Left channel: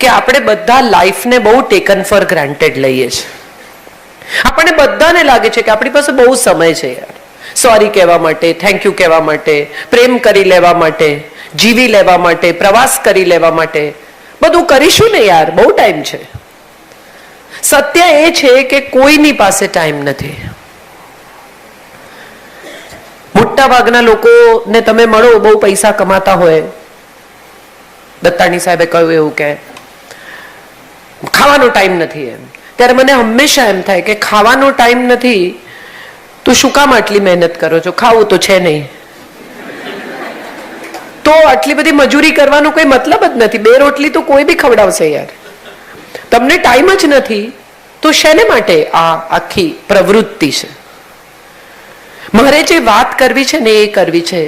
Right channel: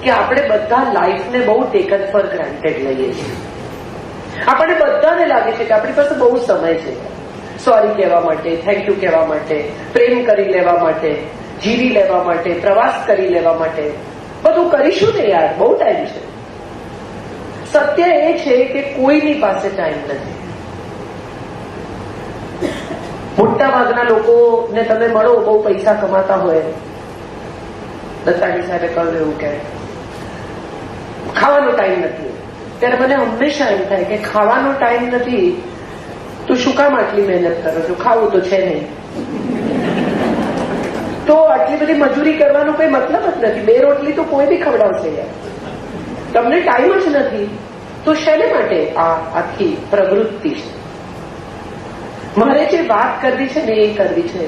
કે આપણે બધા લાઈફને બહુ ટેકન ફોર ગ્રાન્ટેડ લઈએ છીએ. આપણને બધાને લાગે છે કે આપણી પાસે બહુ સમય છે યાર, સોરી કહેવા માટે, થેન્ક યુ કહેવા માટે, પ્રેમ કરી લેવા માટે, જીવી લેવા માટે, પ્રવાસ કરી લેવા માટે. બધું કરીશું ને યાર, બહુ ટાઈમ છે. સત્ય એ છે કે કોઈની પાસે ટાઈમ નથી. મોટા ભાગના લોકોને તમે મળો, બહુ પૈસા કમાતા હોય, દત્તાણી સાહેબે કહ્યું એવું કે ખાવાનો ટાઈમ નથી, ત્યારે મને હંમેશા એમ થાય કે ખાવાનો ટાઈમ નથી તો શું કામ આટલી મહેનત કરો છો? ખાવું તો છે નહીં, તો આટલી બધી મજૂરી કરવાનો કોઈ મતલબ જ નથી. 2 રોટલી તો કોઈ બી ખવડાવશે યાર. તમને ટાઈમ જ નથી તો શેને માટે આ આખી પ્રવૃત્તિ છે? મારે જે વાત કરવી છે ને એ કરવી છે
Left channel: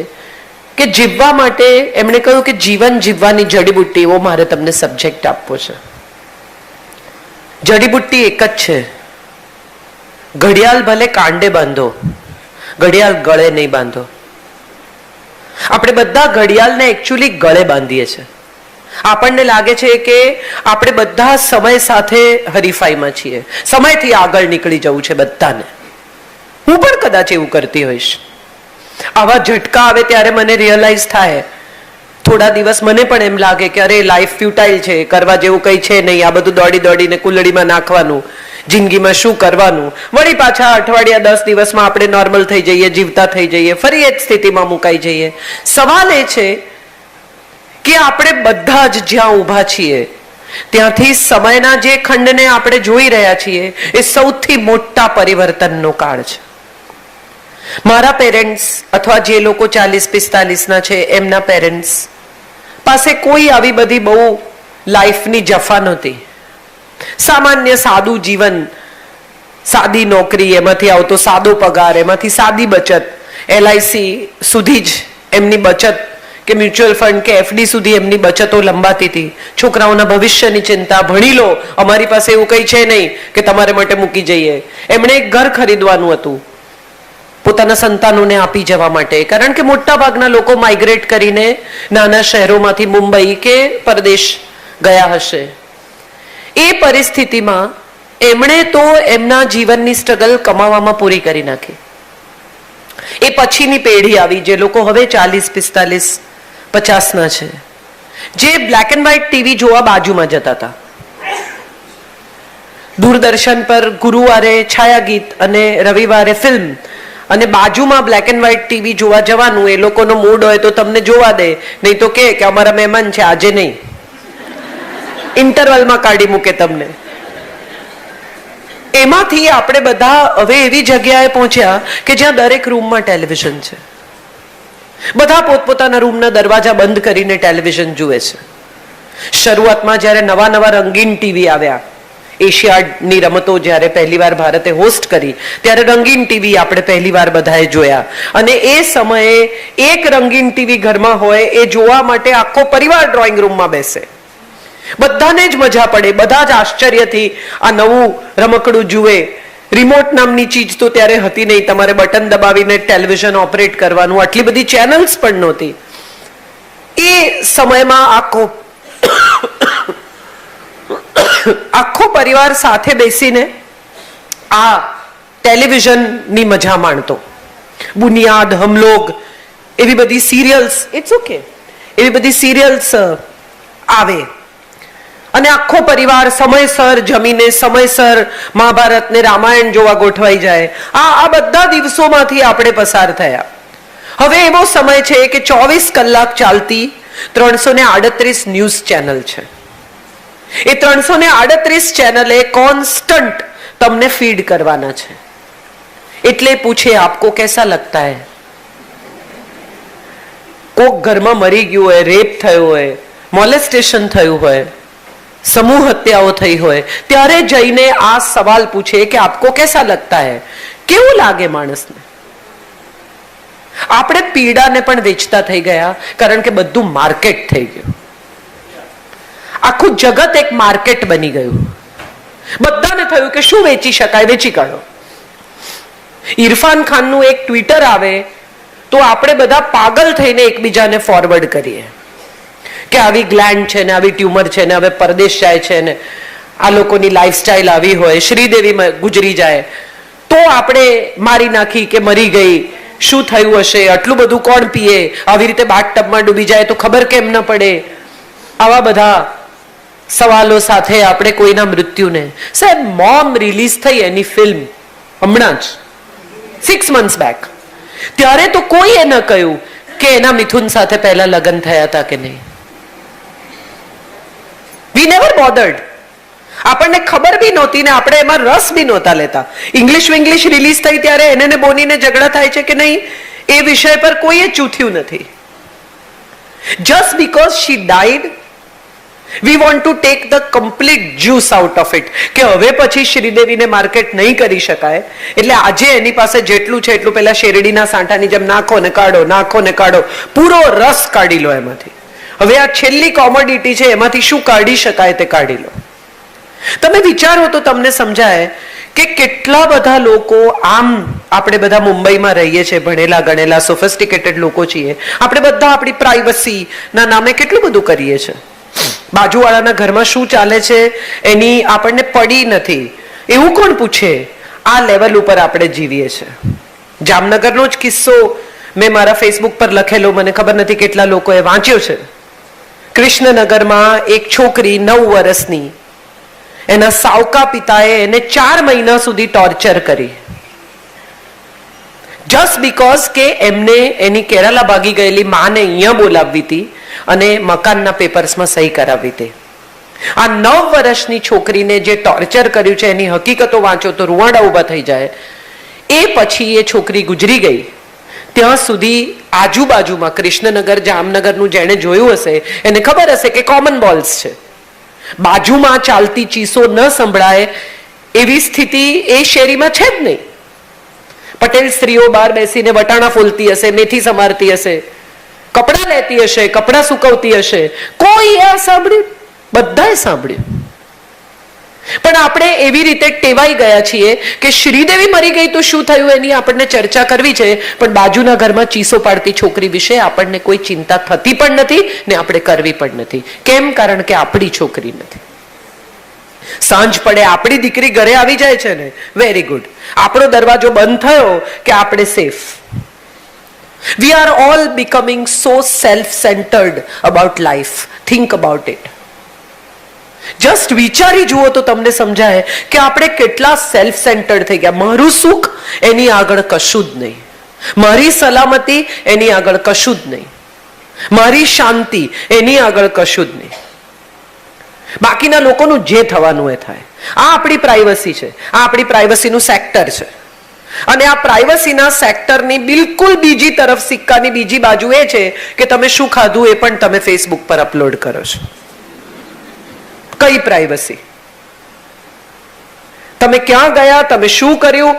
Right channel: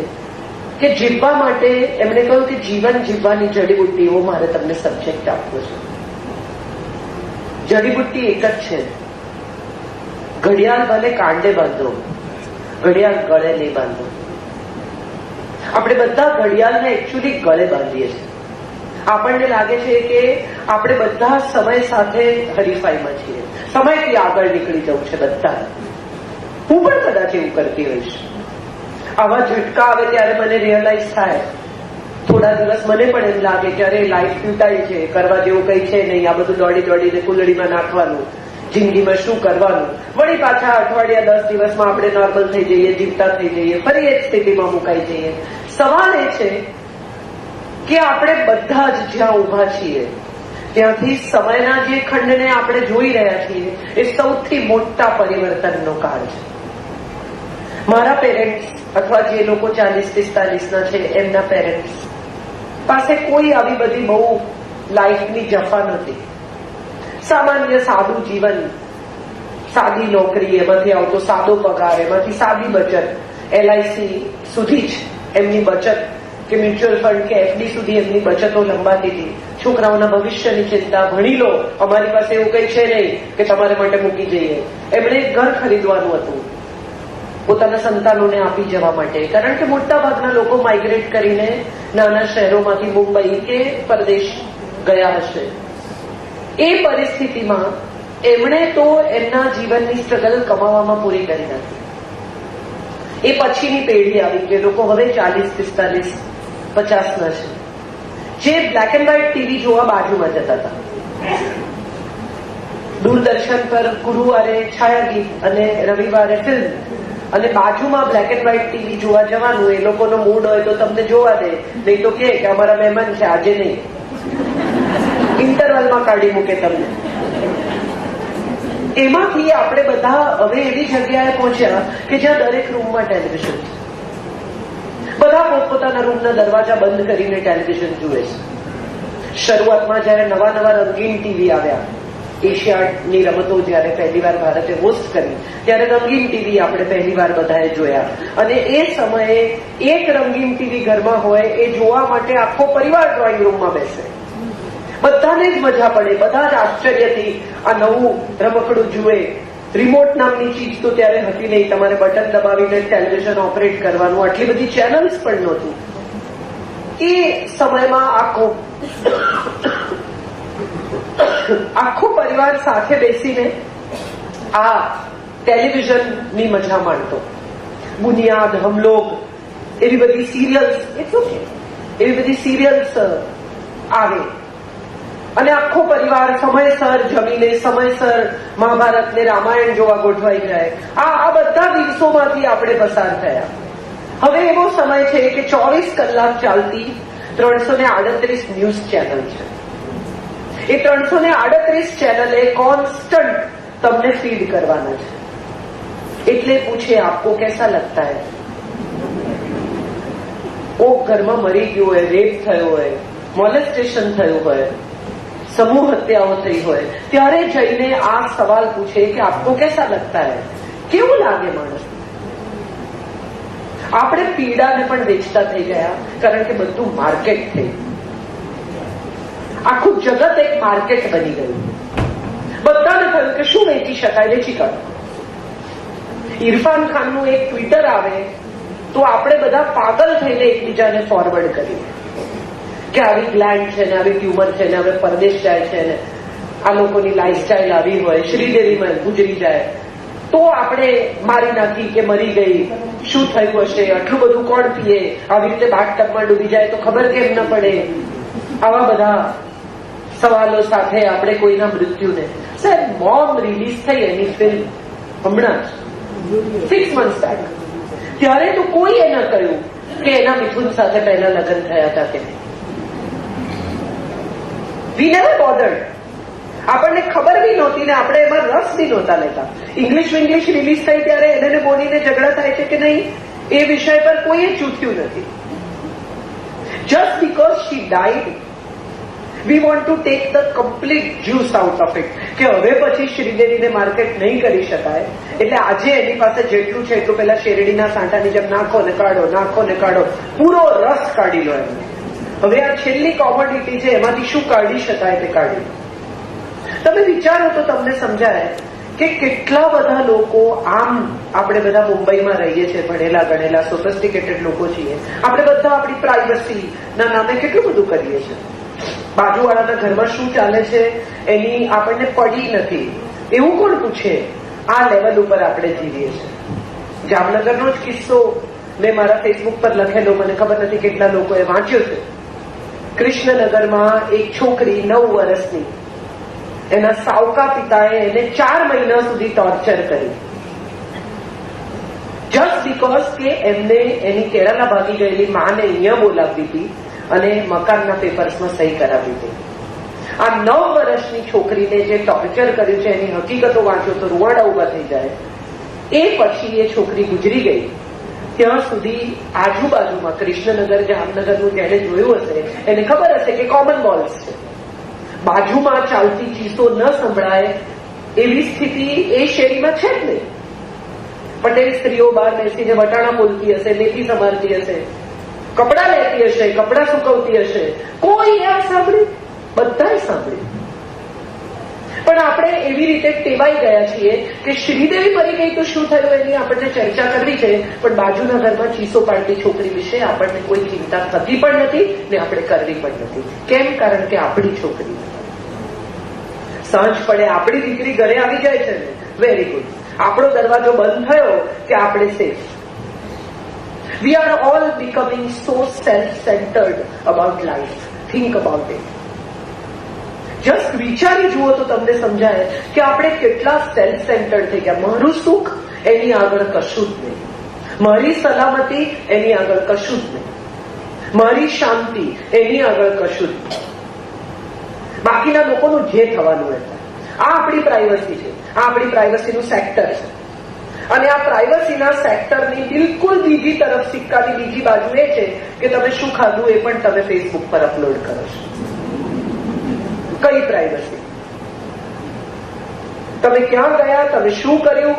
કે જીવવા માટે એમણે કહ્યું કે જીવન જીવવાની જડીબુટ્ટી, એવો મારે તમને સબ્જેક્ટ આપવો છે. જડીબુટ્ટી એક જ છે, ઘડિયાળ ભલે કાંડે બાંધો, ઘડિયાળ ગળે નહીં બાંધો. આપણે બધા ઘડિયાળને એકચ્યુઅલી ગળે બાંધીએ છીએ. આપણને લાગે છે કે આપણે બધા સમય સાથે હરીફાઈમાં છીએ, સમયથી આગળ નીકળી જવું છે બધાને. હું પણ કદાચ એવું કરતી હોઈશ. આવા ઝટકા આવે ત્યારે મને રિયલાઇઝ થાય, થોડા દિવસ મને પણ એમ લાગે કે અરે લાઈફ ફ્યુટાઇલ છે, કરવા જેવું કંઈ છે નહીં, આ બધું દોડી દોડીને કુલડીમાં નાખવાનું, જિંદગીમાં શું કરવાનું. વળી પાછા અઠવાડિયા 10 દિવસમાં આપણે નોર્મલ થઈ જઈએ, જીવતા થઈ જઈએ, ફરી એક સ્થિતિમાં મુકાઈ જઈએ. સવાલ એ છે કે આપણે બધા જ જ્યાં ઊભા છીએ ત્યાંથી સમયના જે ખંડને આપણે જોઈ રહ્યા છીએ એ સૌથી મોટા પરિવર્તનનો કાળ છે. મારા પેરેન્ટ્સ અથવા જે લોકો 40-45 ના છે એમના પેરેન્ટ્સ પાસે કોઈ આવી બધી બહુ લાઈફની જફા નહોતી. સામાન્ય સાદું જીવન, સાદી નોકરી, એમાંથી આવતો સાદો પગાર, એમાંથી સાદી બચત, LIC સુધી જ એમની બચત કે મ્યુચ્યુઅલ ફંડ કે FD સુધી એમની બચતો લંબાતી હતી. છોકરાઓના ભવિષ્યની ચિંતા, ભણી લો, અમારી પાસે એવું કંઈ છે નહીં કે તમારે માટે મૂકી જઈએ. એમણે એક ઘર ખરીદવાનું હતું પોતાના સંતાનોને આપી જવા માટે, કારણ કે મોટા ભાગના લોકો માઇગ્રેટ કરીને નાના શહેરોમાંથી મુંબઈ કે પરદેશ ગયા હશે. એ પરિસ્થિતિમાં એમણે તો એમના જીવનની સ્ટ્રગલ કમાવામાં પૂરી કરી નાખી. એ પછીની પેઢી આવી જે લોકો હવે 40-45-50 ના છે, જે બ્લેક એન્ડ વ્હાઇટ ટીવી જોવા બાજુમાં જતા હતા. દૂરદર્શન પર ગુરુવારે છાયા ગીત અને રવિવારે ફિલ્મ, અને બાજુમાં બ્લેક એન્ડ વ્હાઇટ ટીવી જોવા જવાનું. એ લોકોનો મૂડ હોય તો તમને જોવા દે, નહીં તો કે અમારા મહેમાન છે આજે નહીં, ઇન્ટરવલમાં કાઢી મૂકે તમને. એમાંથી આપણે બધા હવે એવી જગ્યાએ પહોંચ્યા કે જ્યાં દરેક રૂમમાં ટેલિવિઝન છે. બધા પોતપોતાના રૂમના દરવાજા બંધ કરીને ટેલિવિઝન જુએ છે. શરૂઆતમાં જ્યારે નવા નવા રંગીન ટીવી આવ્યા, એશિયાડની રમતો જ્યારે પહેલીવાર ભારતે હોસ્ટ કરી ત્યારે રંગીન ટીવી આપણે પહેલીવાર બધાએ જોયા. અને એ સમયે એક રંગીન ટીવી ઘરમાં હોય એ જોવા માટે આખો પરિવાર ડ્રોઈંગ રૂમમાં બેસે. બધાને જ મજા પડે, બધા જ આશ્ચર્યથી આ નવું રમકડું જુએ. રિમોટ નામની ચીજ તો ત્યારે હતી નહીં, તમારે બટન દબાવીને ટેલિવિઝન ઓપરેટ કરવાનું, આટલી બધી ચેનલ્સ પણ નહોતી. એ સમયમાં આખો પરિવાર સાથે બેસીને આ ટેલિવિઝનની મજા માણતો. બુનિયાદ, હમલોગ, એવી બધી સિરિયલ્સ, ઇટ્સ ઓકે, એવી બધી સિરિયલ્સ આવે અને આખો પરિવાર સમયસર જમીને સમયસર મહાભારત ને રામાયણ જોવા ગોઠવાઈ જાય. આ બધા દિવસોમાંથી આપણે પસાર થયા. હવે એવો સમય છે કે 24 કલાક ચાલતી 338 ન્યૂઝ ચેનલ છે. એ 338 ચેનલે કોન્સ્ટન્ટ તમને ફીડ કરવાના છે. એટલે પૂછે આપકો कैसा लगता है? કોક ઘરમાં મરી ગયું હોય, રેપ થયો હોય, મોલેસ્ટેશન થયું હોય, સમૂહ હત્યાઓ થઈ હોય, ત્યારે જઈને આ સવાલ પૂછે કે આપકો कैसा लगता है? કેવું લાગે માણસને? આપણે પીડાને પણ વેચતા થઈ ગયા, કારણ કે બધું માર્કેટ થઈ ગયું. આખું જગત એક માર્કેટ બની ગયું. બધાને થયું કે શું વેચી શકાય, વેચી કાઢો. ઇરફાન ખાનનું એક ટ્વિટર આવે તો આપણે બધા પાગલ થઈને એકબીજાને ફોરવર્ડ કરીએ. કે આવી ગ્લેન્ડ છે ને આવી ટ્યુમર છે ને હવે પરદેશ જાય છે ને આ લોકોની લાઈફસ્ટાઈલ આવી હોય, શ્રીદેવી ગુજરી જાય તો આપણે મારી નાખી કે મરી ગઈ, શું થયું હશે, આટલું બધું કોણ પીએ, આવી રીતે બાથટબમાં ડૂબી જાય તો ખબર કેમ ન પડે, આવા બધા સવાલો સાથે આપણે કોઈના મૃત્યુને. સાહેબ, મોમ રિલીઝ થઈ એની ફિલ્મ હમણાં જ 6 months બેક, ત્યારે તો કોઈએ ન કહ્યું કે એના મિથુન સાથે પહેલા લગ્ન થયા હતા કે નહીં. We never bothered. આપણને ખબર બી નહોતી ને આપણે એમાં રસ બી નહોતા લેતા. ઇંગ્લિશ રિલીઝ થઈ ત્યારે એને બોનીને ઝઘડા થાય છે કે નહીં એ વિષય પર કોઈએ ચૂથ્યું નથી. Just because she died we want to take the complete juice out of it, કે હવે પછી શ્રીદેવીને માર્કેટ નહીં કરી શકાય એટલે આજે એની પાસે જેટલું છે એટલું પેલા શેરડીના સાંઠાની જેમ નાખો ને કાઢો, પૂરો રસ કાઢી લો એમાંથી. હવે આ છેલ્લી કોમોડિટી છે, એમાંથી શું કાઢી શકાય તે કાઢી લો. તમે વિચારો તો તમને સમજાય કે કેટલા બધા લોકો, આમ આપણે બધા મુંબઈમાં રહીએ છીએ, ભણેલા ગણેલા સોફિસ્ટિકેટેડ લોકો છીએ, આપણે બધા આપણી પ્રાઇવસી ના નામે કેટલું બધું કરીએ છીએ. બાજુવાળાના ઘરમાં શું ચાલે છે એની આપણને પડી નથી એવું કોણ પૂછે? આ લેવલ ઉપર આપણે જીવીએ છીએ. જામનગરનો જ કિસ્સો મેં મારા ફેસબુક પર લખેલો, મને ખબર નથી કેટલા લોકોએ વાંચ્યો છે. કૃષ્ણનગરમાં એક છોકરી 9 વર્ષની, એના સાવકા પિતાએ એને 4 મહિના સુધી ટોર્ચર કરી, જસ્ટ બીકોઝ કે એમને એની કેરાલા ભાગી ગયેલી માને અહીંયા બોલાવવી હતી અને મકાનના પેપર્સમાં સહી કરાવી હતી. આ 9 વર્ષની છોકરીને જે ટોર્ચર કર્યું છે એની હકીકતો વાંચો તો રૂવાડા ઉભા થઈ જાય. એ પછી એ છોકરી ગુજરી ગઈ. ત્યાં સુધી આજુબાજુમાં કૃષ્ણનગર, જામનગરનું જેણે જોયું હશે એને ખબર હશે કે કોમન બોલ્સ છે. બાજુમાં ચાલતી ચીસો ન સંભળાય એવી સ્થિતિ એ શેરીમાં છે જ નહીં. પટેલ સ્ત્રીઓ બહાર બેસીને વટાણા ફોલતી હશે, મેથી સમારતી હશે, કપડા લેતી હશે, કપડા સુકવતી હશે. કોઈ આ સાંભળ્યું? બધાએ સાંભળ્યું. પણ આપણે એવી રીતે ટેવાઈ ગયા છીએ કે શ્રીદેવી મરી ગઈ તો શું થયું એની આપણને ચર્ચા કરવી છે, પણ બાજુના ઘરમાં ચીસો પાડતી છોકરી વિશે આપણને કોઈ ચિંતા થતી પણ નથી ને આપણે કરવી પણ નથી. કેમ? કારણ કે આપણી છોકરી નથી. સાંજ પડે આપણી દીકરી ઘરે આવી જાય છે ને, વેરી ગુડ, આપણો દરવાજો બંધ થયો કે આપણે safe. We are all becoming so self-centered about life. Think about it. Just વિચારી જુઓ તો તમને સમજાય કે આપણે કેટલા સેલ્ફ સેન્ટર્ડ થઈ ગયા. મારું સુખ એની આગળ કશું જ નહીં, મારી સલામતી એની આગળ કશું જ નહીં, મારી શાંતિ એની આગળ કશું જ નહીં. બાકીના લોકોનું જે થવાનું એ થાય. આ આપણી પ્રાઇવસી છે, આ આપણી પ્રાઇવસીનું સેક્ટર છે. અને આ પ્રાઇવસીના સેક્ટરની બિલકુલ બીજી તરફ સિક્કાની બીજી બાજુ એ છે કે તમે શું ખાધું એ પણ તમે ફેસબુક પર અપલોડ કરો છો. કઈ પ્રાઇવસી? તમે ક્યાં ગયા, તમે શું કર્યું,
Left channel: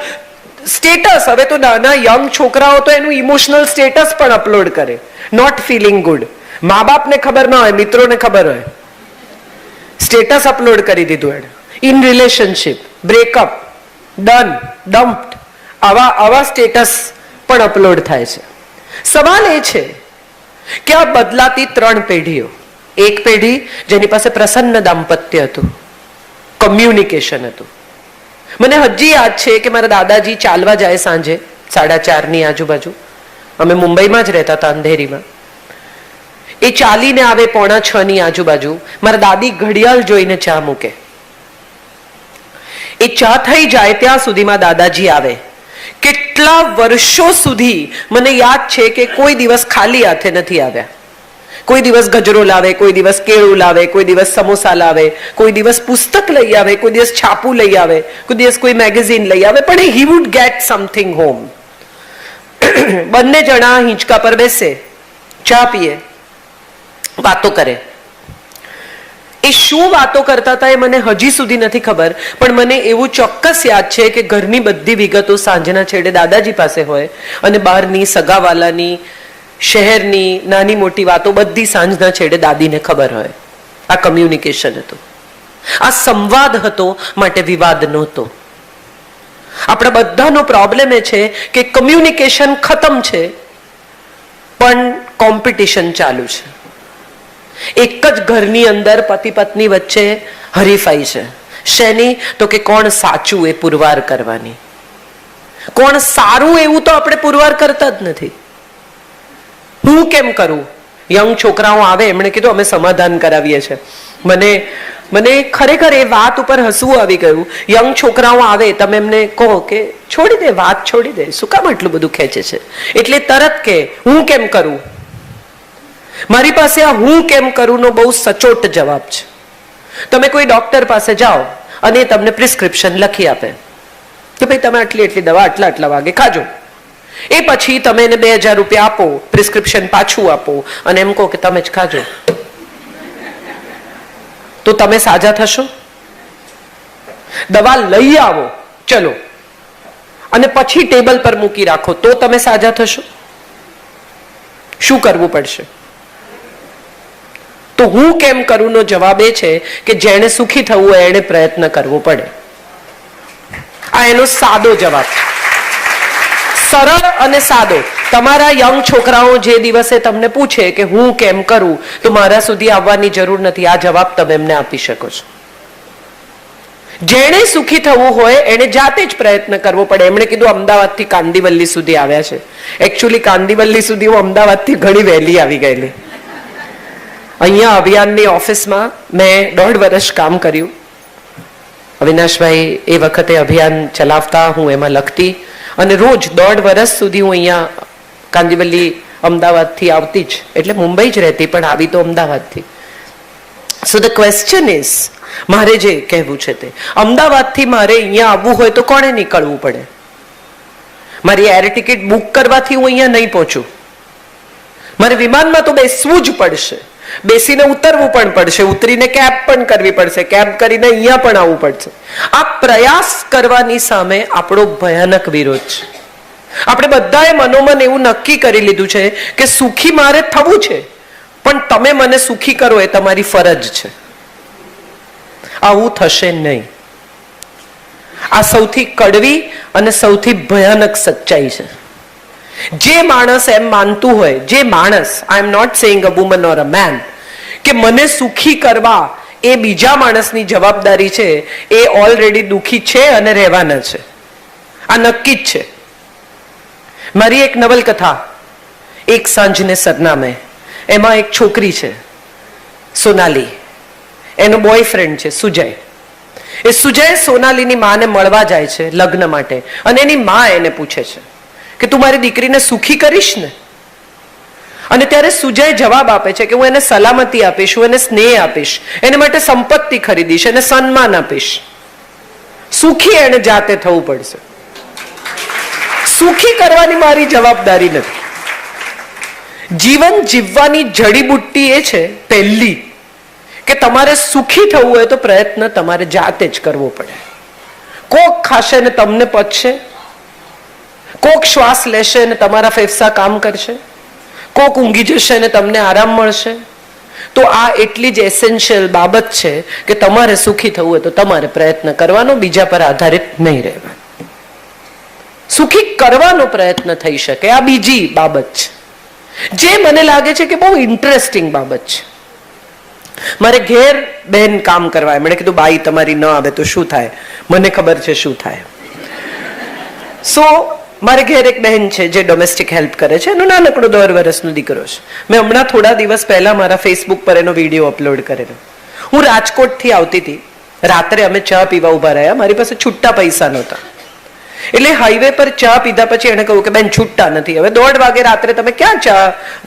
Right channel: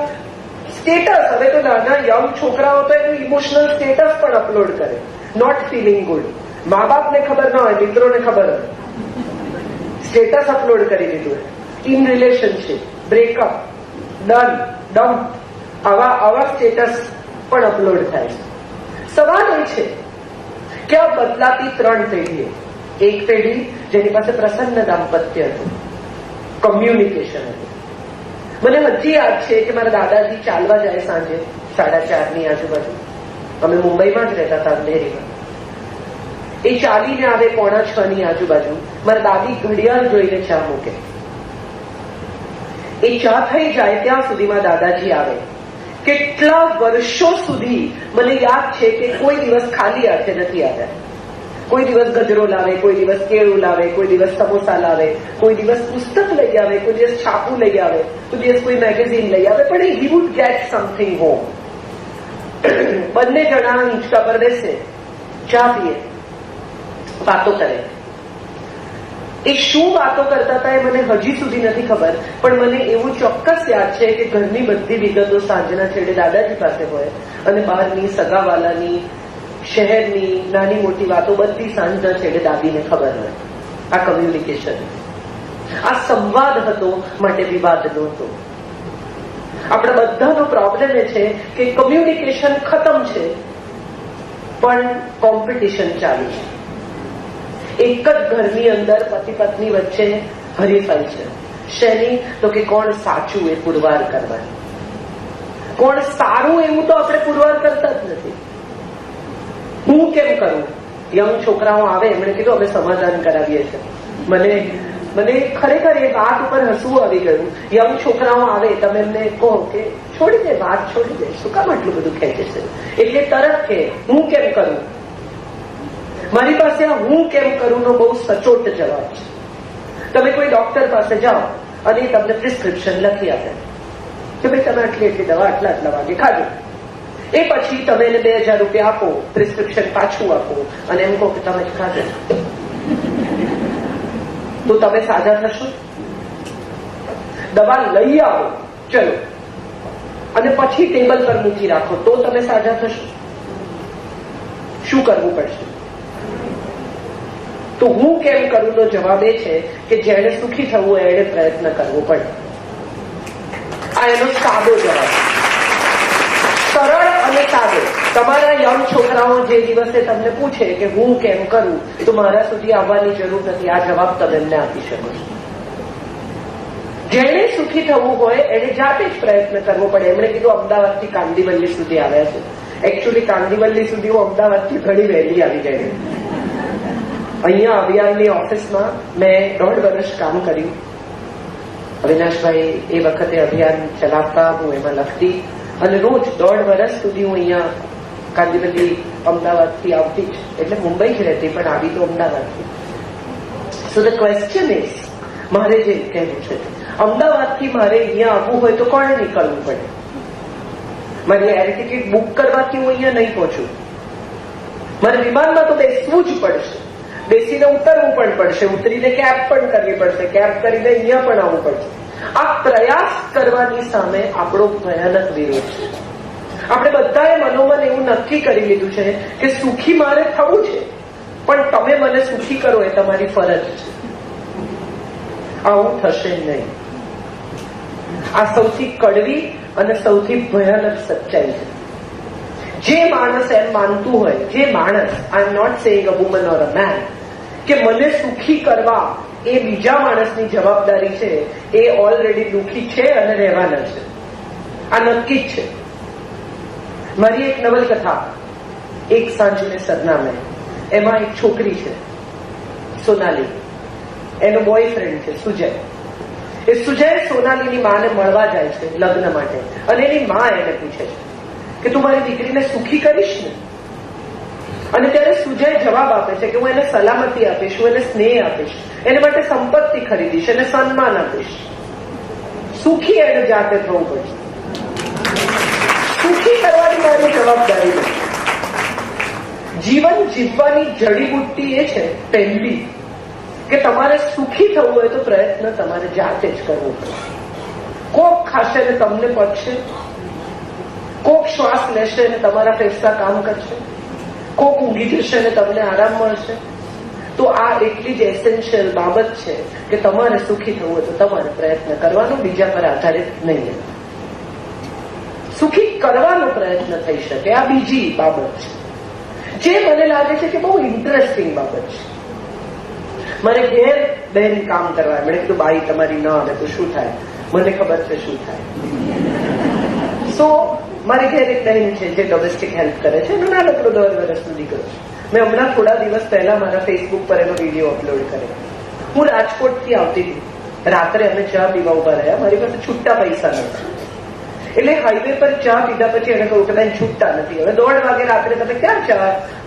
સ્ટેટસ. હવે તો નાના યંગ છોકરાઓ તો એનું ઇમોશનલ સ્ટેટસ પણ અપલોડ કરે. Not feeling good. મા બાપને ખબર ન હોય, મિત્રોને ખબર હોય, સ્ટેટસ અપલોડ કરી દીધું. ઇન રિલેશનશિપ, બ્રેકઅપ, ડન, ડમ્પ્ડ, આવા સ્ટેટસ પણ અપલોડ થાય છે. સવાલ એ છે કે આ બદલાતી 3 પેઢીઓ, એક પેઢી જેની પાસે પ્રસન્ન દાંપત્ય હતું, કમ્યુનિકેશન હતું. મને હજી યાદ છે કે મારા દાદાજી ચાલવા જાય સાંજે 4:30 આજુબાજુ. અમે મુંબઈમાં જ રહેતા હતા, અંધેરીમાં. એ ચાલીને આવે 5:45 આજુબાજુ. મારા દાદી ઘડિયાળ જોઈને ચા મૂકે. એ ચા થઈ જાય ત્યાં સુધીમાં દાદાજી આવે. કેટલા વર્ષો સુધી મને યાદ છે કે કોઈ દિવસ ખાલી હાથે નથી આવ્યા. કોઈ દિવસ ગજરો લાવે, કોઈ દિવસ કેળું લાવે, કોઈ દિવસ સમોસા લાવે, કોઈ દિવસ પુસ્તક લઈ આવે, કોઈ દિવસ છાપું લઈ આવે, કોઈ દિવસ કોઈ મેગેઝિન લઈ આવે, પણ he would get something home. બંને જણા હિંચકા પર બેસે, ચા પીએ, વાતો કરે. એ શું વાતો કરતા હતા એ મને હજી સુધી નથી ખબર, પણ મને એવું ચોક્કસ યાદ છે કે ઘરની બધી વિગતો સાંજના છેડે દાદાજી પાસે હોય અને બહારની, સગાવાલાની, શહેરની નાની મોટી વાતો બધી સાંજના છેડે દાદીને ખબર હોય. આ કમ્યુનિકેશન હતું, આ સંવાદ હતો, માટે વિવાદ નહોતો. આપણા બધાનો પ્રોબ્લેમ એ છે કે કમ્યુનિકેશન ખતમ છે પણ કોમ્પિટિશન ચાલુ છે. એક જ ઘરની અંદર પતિ પત્ની વચ્ચે હરીફાઈ છે. શેની? તો કે કોણ સાચું એ પુરવાર કરવાની. કોણ સારું એવું તો આપણે પુરવાર કરતા જ નથી. હું કેમ કરું? યંગ છોકરાઓ આવે, એમણે કીધું અમે સમાધાન કરાવીએ છીએ. મને ખરેખર એ વાત ઉપર હસવું આવી ગયું. યંગ છોકરાઓ આવે, તમે એમને કહો કે છોડી દે, વાત છોડી દે, શું કામ આટલું બધું ખેંચે છે? એટલે તરત કે હું કેમ કરું. મારી પાસે આ હું કેમ કરું નો બહુ સચોટ જવાબ છે. તમે કોઈ ડોક્ટર પાસે જાઓ અને તમને પ્રિસ્ક્રિપ્શન લખી આપે કે ભાઈ તમે આટલી આટલી દવા આટલા વાગે ખાજો. એ પછી તમે એને 2000 રૂપિયા આપો, પ્રિસ્ક્રિપ્શન પાછું આપો અને એમ કહો કે તમે જ ખાજો, તો તમે સાજા થશો? દવા લઈ આવો ચલો અને પછી ટેબલ પર મૂકી રાખો તો તમે સાજા થશો? શું કરવું પડશે? તો હું કેમ કરું નો જવાબ એ છે કે જેણે સુખી થવું હોય એને પ્રયત્ન કરવો પડે. આ એનો સાદો જવાબ, સરળ અને સાદો. તમારા યંગ છોકરાઓ જે દિવસે તમને પૂછે કે હું કેમ કરું, તો મારા સુધી આવવાની જરૂર નથી. આ જવાબ તમે એમને આપી શકો છો. જેણે સુખી થવું હોય એને જાતે જ પ્રયત્ન કરવો પડે. એમણે કીધું અમદાવાદથી કાંદિવલી સુધી આવ્યા છે. એકચ્યુઅલી કાંદિવલી સુધી હું અમદાવાદથી ઘણી વહેલી આવી ગયેલી. અહીંયા અભિયાનની ઓફિસમાં મેં 1.5 વર્ષ કામ કર્યું. અવિનાશભાઈ એ વખતે અભિયાન ચલાવતા, હું એમાં લખતી અને રોજ 1.5 વર્ષ સુધી હું અહીંયા કાંદિવલી અમદાવાદથી આવતી જ. એટલે મુંબઈ જ રહેતી પણ આવી તો અમદાવાદથી. સો ધ ક્વેશ્ચન ઇઝ, મારે જે કહેવું છે તે, અમદાવાદથી મારે અહીંયા આવવું હોય તો કોણે નીકળવું પડે? મારી એર ટિકિટ બુક કરવાથી હું અહીંયા નહીં પહોંચું. મારે વિમાનમાં તો બેસવું જ પડશે, બેસીને ઉતરવું પણ પડશે, ઉતરીને કેબ પણ કરવી પડશે, કેબ કરીને અહીંયા પણ આવવું પડશે. આ પ્રયાસ કરવાની સામે આપણો ભયાનક વિરોધ છે. આપણે બધાએ મનોમન એવું નક્કી કરી લીધું છે કે સુખી મારે થવું છે, પણ તમે મને સુખી કરો એ તમારી ફરજ છે. આવું થશે નહીં. આ સૌથી કડવી અને સૌથી ભયાનક સચ્ચાઈ છે. જે માણસ એમ માનતું હોય, જે માણસ, I am not saying a woman or a man, કે મને સુખી કરવા એ બીજા માણસની જવાબદારી છે, એ ઓલરેડી દુખી છે અને રહેવાના છે. આ નક્કી જ છે. મારી એક નવલકથા એક સાંજને સરનામે, એમાં એક છોકરી છે સોનાલી, એનો બોયફ્રેન્ડ છે સુજય. એ સુજય સોનાલીની માને મળવા જાય છે લગ્ન માટે અને એની માં એને પૂછે છે કે તું મારી દીકરીને સુખી કરીશ ને? અને ત્યારે સુજય જવાબ આપે છે કે હું એને સલામતી આપીશ, હું એને સ્નેહ આપીશ, એને માટે સંપત્તિ ખરીદીશ, એને સન્માન આપીશ. સુખી એને જાતે થવું પડશે. સુખી કરવાની મારી જવાબદારી નથી. જીવન જીવવાની જડીબુટ્ટી એ છે પહેલી કે તમારે સુખી થવું હોય તો પ્રયત્ન તમારે જાતે જ કરવો પડે. કોક ખાશે ને તમને પચશે, કોક શ્વાસ લેશે ને તમારા ફેફસા કામ કરશે, કોક ઊંઘી જશે ને તમને આરામ મળશે. તો આ એટલી જ એસેન્શિયલ બાબત છે કે તમારે સુખી થવું હોય તો તમારે પ્રયત્ન કરવાનો, બીજા પર આધારિત નહીં રહેવા. સુખી કરવાનો પ્રયત્ન થઈ શકે, આ બીજી બાબત છે જે મને લાગે છે કે બહુ ઇન્ટરેસ્ટિંગ બાબત છે. મારે ઘેર બેન કામ કરવા, એમણે કીધું બાઈ તમારી ન આવે તો શું થાય? મને ખબર છે શું થાય. સો મારે ઘેર એક બહેન છે જે ડોમેસ્ટિક હેલ્પ કરે છે, એનો નાનકડો 10 વર્ષનો દીકરો છે. મેં હમણાં થોડા દિવસ પહેલા મારા ફેસબુક પર એનો વિડીયો અપલોડ કરેલો. હું રાજકોટથી આવતી હતી, રાત્રે અમે ચા પીવા ઉભા રહ્યા, મારી પાસે છૂટા પૈસા નહોતા. એટલે હાઈવે પર ચા પીધા પછી એને કહ્યું કે બેન છૂટા નથી, હવે 1:30 વાગે રાત્રે તમે ક્યાં ચા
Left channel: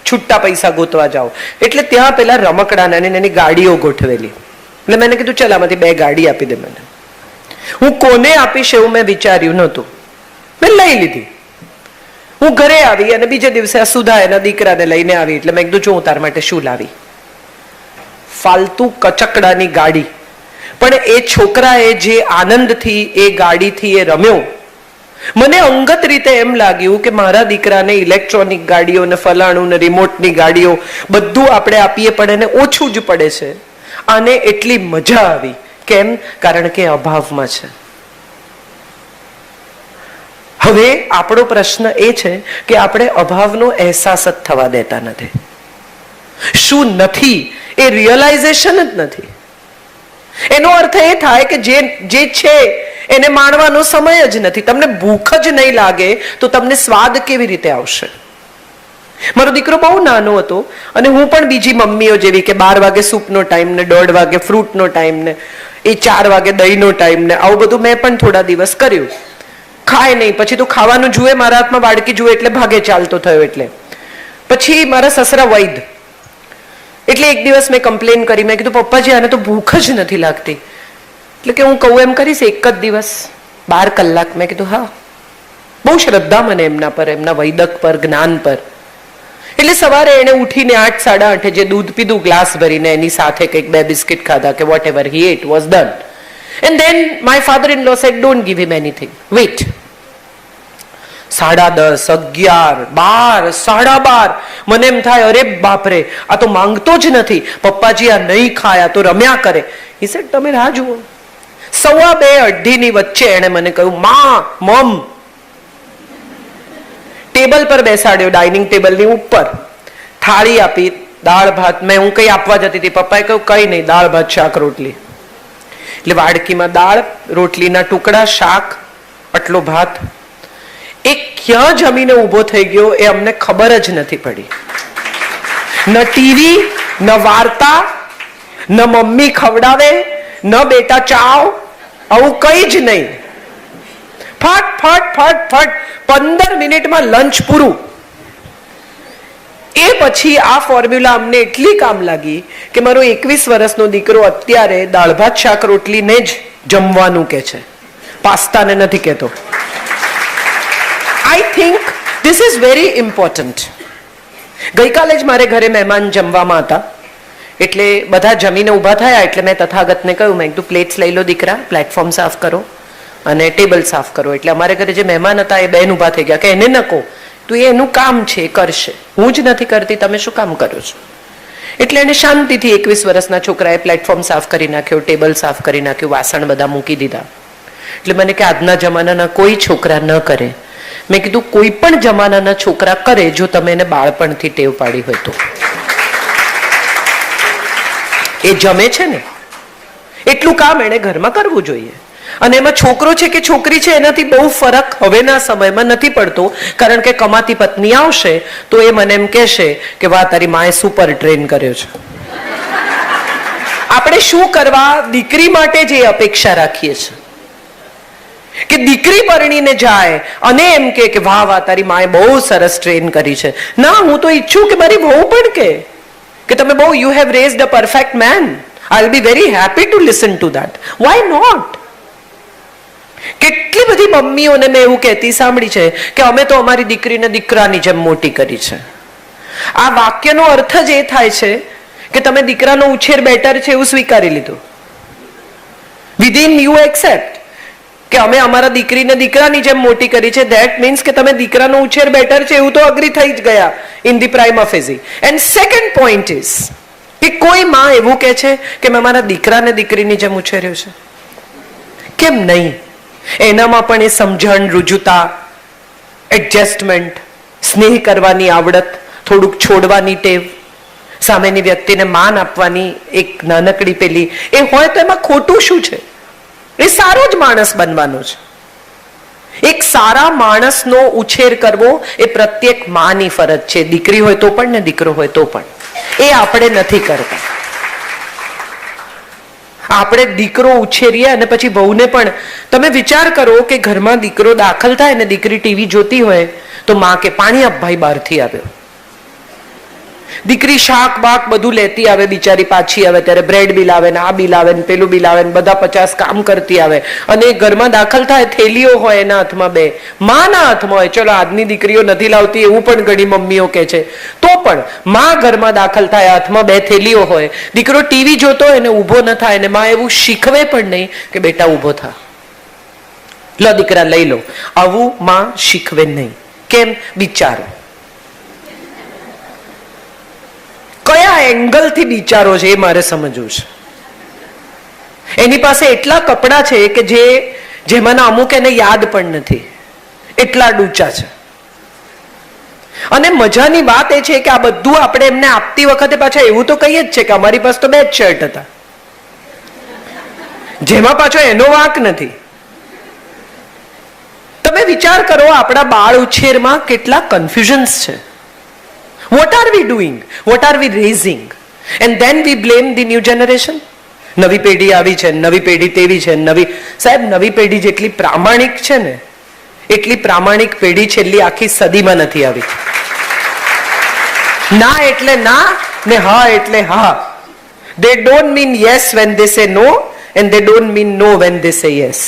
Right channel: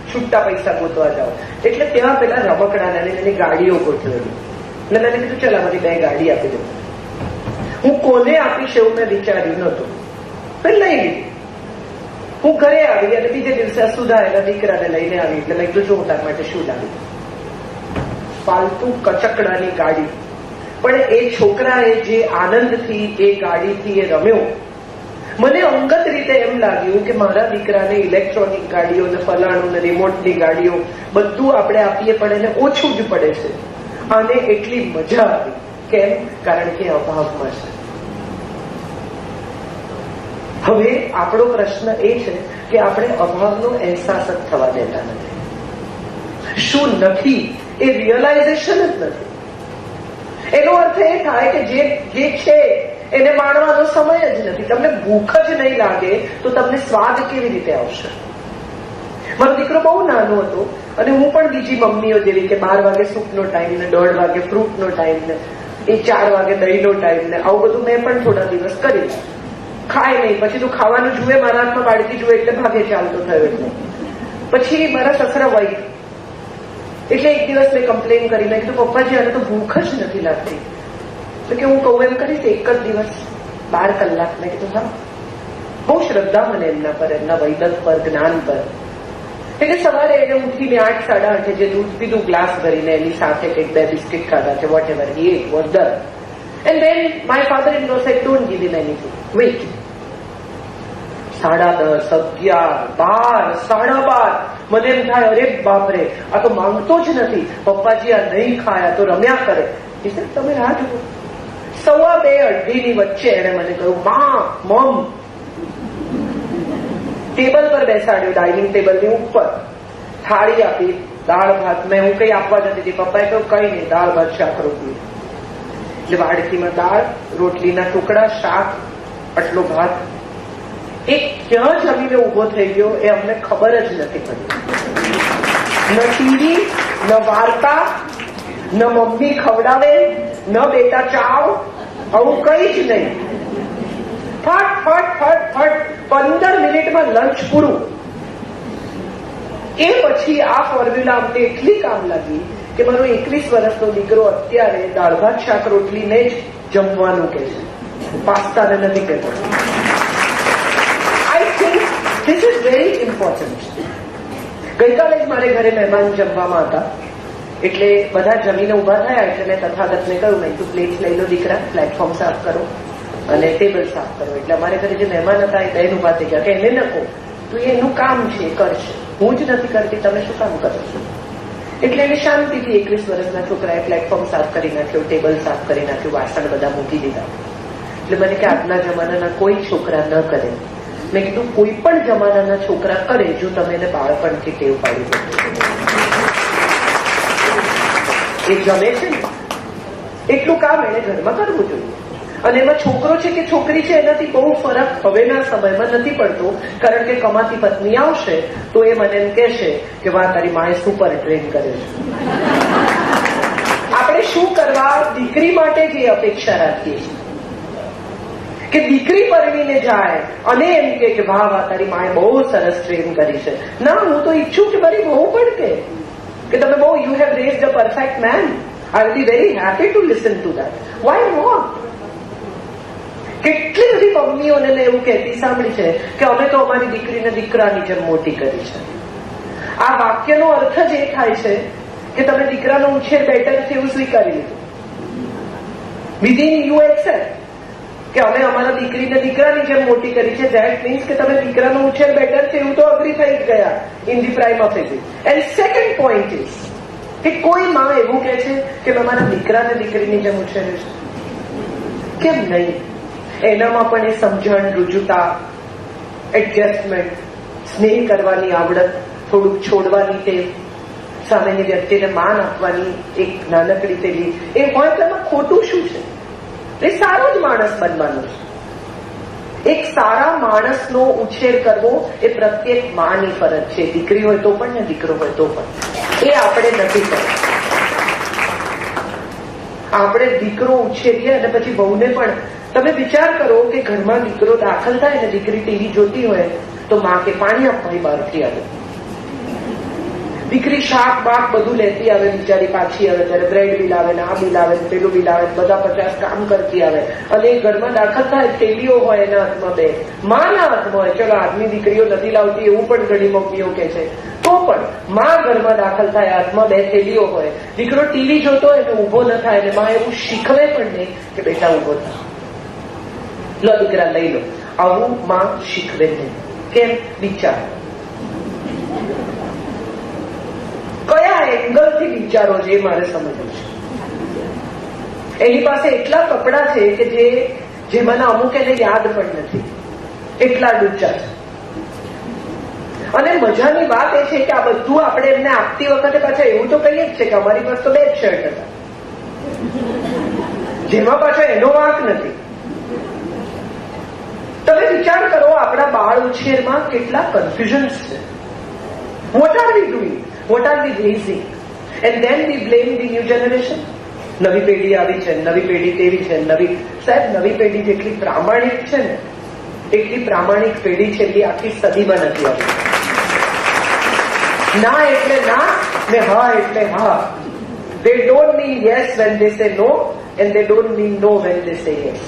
છૂટા પૈસા ગોતવા જાઓ? એટલે ત્યાં પેલા રમકડાના એની ગાડીઓ ગોઠવેલી. એટલે મેં કીધું ચાલ આમાંથી 2 ગાડી આપી દે મને. હું કોને આપીશ એવું મેં વિચાર્યું નહોતું, મેં લઈ લીધી. હું ઘરે આવી અને બીજે દિવસે સુધા એના દીકરાને લઈને આવી. એટલે મેં કીધું જો હું તાર માટે શું લાવી? ફાલતુ કચકડાની ગાડી. પણ એ છોકરાએ જે આનંદથી એ ગાડીથી એ રમ્યો, મને અંગત રીતે એમ લાગ્યું કે મારા દીકરાને ઇલેક્ટ્રોનિક ગાડીઓ ને ફલાણું ને રિમોટની ગાડીઓ બધું આપણે આપીએ પણ એને ઓછું જ પડે છે. આને એટલી મજા આવી. કેમ? કારણ કે અભાવમાં છે. હવે આપણો પ્રશ્ન એ છે કે આપણે અભાવનો અહેસાસ જ થવા દેતા નથી. શું નથી એ રિયલાઇઝેશન જ નથી. એનો અર્થ એ થાય કે જે છે એને માણવાનો સમય જ નથી. તમને ભૂખ જ નહીં લાગે તો તમને સ્વાદ કેવી રીતે આવશે? મારો દીકરો બહુ નાનો હતો અને હું પણ બીજી મમ્મીઓ જેવી કે 12 વાગે સૂપનો ટાઈમ ને 1:30 વાગે ફ્રૂટનો ટાઈમ ને એ 4 વાગે દહીંનો ટાઈમ ને આવું બધું મેં પણ થોડા દિવસ કર્યું. ખાય નહીં, પછી તો ખાવાનું જુએ, મારા હાથમાં વાડકી જુએ એટલે ભાગે ચાલતો થયો. એટલે પછી મારા સસરા વૈદ, એટલે એક દિવસ મેં કમ્પ્લેન કરી. મેં કીધું પપ્પાજી આને તો ભૂખ જ નથી લાગતી. એટલે કે હું કહું એમ કરીશ એક જ દિવસ 12 કલાક. મેં કીધું હા. બહુ શ્રદ્ધા મને એમના પર, એમના વૈદક પર, જ્ઞાન પર. એટલે સવારે એને ઉઠીને 8, 8:30 જે દૂધ પીધું ગ્લાસ ભરીને, એની સાથે કંઈક 2 બિસ્કિટ ખાધા કે whatever he ate was done. And then my father in law said don't give him anything, wait. 10:30, 11, 12, 12:30 મને એમ થાય અરે બાપરે આ તો માંગતો જ નથી, પપ્પાજી આ નહીં ખાયા તો રમ્યા કરે. હી સેડ તમે રાહ જુઓ. 1:15, 2:30 ની વચ્ચે એને મને કહ્યું મમ. ટેબલ પર બેસાડ્યો, ડાઇનિંગ ટેબલની ઉપર. થાળી આપી, દાળ ભાત. મેં હું કઈ આપવા જતી હતી, પપ્પાએ કહ્યું કઈ નહીં, દાળ ભાત શાક રોટલી. એટલે વાડકીમાં દાળ, રોટલીના ટુકડા, શાક, આટલો ભાત. એ ક્યાં જમીને ઊભો થઈ ગયો એ અમને ખબર જ નથી પડી. ન ટીવી, ન વાર્તા, ન મમ્મી ખવડાવે, ન બેટા ચાવ, આવું કઈ જ નહીં. ફટ ફટ ફટ ફટ 15 મિનિટમાં લંચ પૂરું. એ પછી આ ફોર્મ્યુલા અમને એટલી કામ લાગી કે મારો 21 વર્ષનો દીકરો અત્યારે દાળ ભાત શાક રોટલીને જ જમવાનું કે છે, પાસ્તાને નથી કહેતો. I think this is very important. ગઈકાલે જ મારે ઘરે મહેમાન જમવામાં હતા. એટલે બધા જમીને ઊભા થયા. એટલે મેં તથાગતને કહ્યું, મેં તું પ્લેટ્સ લઈ લો દીકરા, પ્લેટફોર્મ સાફ કરો અને ટેબલ સાફ કરો. એટલે અમારે ઘરે જે મહેમાન હતા એ બેન ઊભા થઈ ગયા કે એને ન કહો, તું એનું કામ છે કરશે, હું જ નથી કરતી, તમે શું કામ કરો છો? એટલે એને શાંતિથી 21 વર્ષના છોકરાએ પ્લેટફોર્મ સાફ કરી નાખ્યો, ટેબલ સાફ કરી નાખ્યું, વાસણ બધા મૂકી દીધા. એટલે મને કે આજના જમાનાના કોઈ છોકરા ન કરે. મેં કીધું કોઈ પણ જમાનાના છોકરા કરે જો તમે એને બાળપણથી ટેવ પાડી હોય તો. એ જમે છે ને એટલું કામ એને ઘરમાં કરવું જોઈએ. અને એમાં છોકરો છે કે છોકરી છે એનાથી બહુ ફરક હવેના સમયમાં નથી પડતો. કારણ કે કમાતી પત્ની આવશે તો એ મને એમ કહેશે કે વાહ તારી માએ સુપર ટ્રેન કર્યો છે. આપણે શું કરવા દીકરી માટે જે અપેક્ષા રાખીએ છીએ કે દીકરી પરણીને જાય અને એમ કે વાહ વાહ તારી માએ બહુ સરસ ટ્રેન કરી છે. ના, હું તો ઈચ્છું કે મારી વહુ પણ કે તમે બહુ you have raised a perfect man. I will be very happy to listen to that. Why not? કેટલી બધી મમ્મીઓને મેં એવું કહેતી સાંભળી છે કે અમે તો અમારી દીકરીને દીકરાની જેમ મોટી કરી છે. આ વાક્યનો અર્થ જ એ થાય છે કે તમે દીકરાનો ઉછેર બેટર છે એવું સ્વીકારી લીધું. વિધિન યુ એક્સેપ્ટ કે અમે અમારા દીકરીને દીકરાની જેમ મોટી કરી છે. ધેટ મીન્સ કે તમે દીકરાનો ઉછેર બેટર છે એવું તો અગ્રી થઈ જ ગયા in the prima and second point is કે કોઈ માં એવું કહે છે કે મેં મારા દીકરાને દીકરીની જેમ ઉછેર્યો છે. કેમ નહીં? એનામાં પણ એ સમજણ, રુજુતા, એડજસ્ટમેન્ટ, સ્નેહ કરવાની આવડત, થોડુંક છોડવાની ટેવ, સામેની વ્યક્તિને માન આપવાની એક નાનકડી પેલી એ હોય તો એમાં ખોટું શું છે? એ સારો જ માણસ બનવાનો છે. એક સારા માણસનો ઉછેર કરવો એ પ્રત્યેક માની ફરજ છે. દીકરી હોય તો પણ ને દીકરો હોય તો પણ. એ આપણે નથી કરતા. આપણે દીકરો ઉછેરીએ અને પછી વહુને પણ. તમે વિચાર કરો કે ઘરમાં દીકરો દાખલ થાય ને દીકરી ટીવી જોતી હોય તો માં કે પાણી આપ ભાઈ બહારથી આવ્યો. દીકરી શાક બાક બધું લેતી આવે, બિચારી પાછી આવે ત્યારે બ્રેડ બિલ આવે ને આ બિલ આવે ને પેલું બિલ આવે ને બધા 50 કામ કરતી આવે અને ઘરમાં દાખલ થાય થેલીઓ હોય એના હાથમાં, બે માના હાથમાં હોય. ચલો આજની દીકરીઓ નથી લાવતી એવું પણ ઘણી મમ્મીઓ કે છે, તો પણ માં ઘરમાં દાખલ થાય હાથમાં 2 થેલીઓ હોય. દીકરો ટીવી જોતો હોય ને ઊભો ન થાય ને માં એવું શીખવે પણ નહીં કે બેટા ઊભો થા, લો દીકરા લઈ લો. આવું માં શીખવે નહીં. કેમ? બિચારો કયા એંગલ થી બિચારો છે એ મારે સમજવું છે. એની પાસે એટલા કપડા છે કે જેમાંના અમુક એને યાદ પણ નથી, એટલા ડૂચા છે. અને મજાની વાત એ છે કે આ બધું આપણે એમને આપતી વખતે પાછા એવું તો કહીએ જ છે કે અમારી પાસે તો 2 જ શર્ટ હતા, જેમાં પાછો એનો વાંક નથી. તમે વિચાર કરો આપણા બાળ ઉછેરમાં કેટલા કન્ફ્યુઝન્સ છે. What are we doing, what are we raising, and then we blame the new generation. નવી પેઢી આવી છે, નવી પેઢી તેવી છે, સાહેબ નવી પેઢી જેટલી પ્રામાણિક છે ને એટલી પ્રામાણિક પેઢી છેલ્લી આખી સદીમાં નથી આવી. ના એટલે ના ને હા એટલે હા. They don't mean yes when they say no and they don't mean no when they say yes.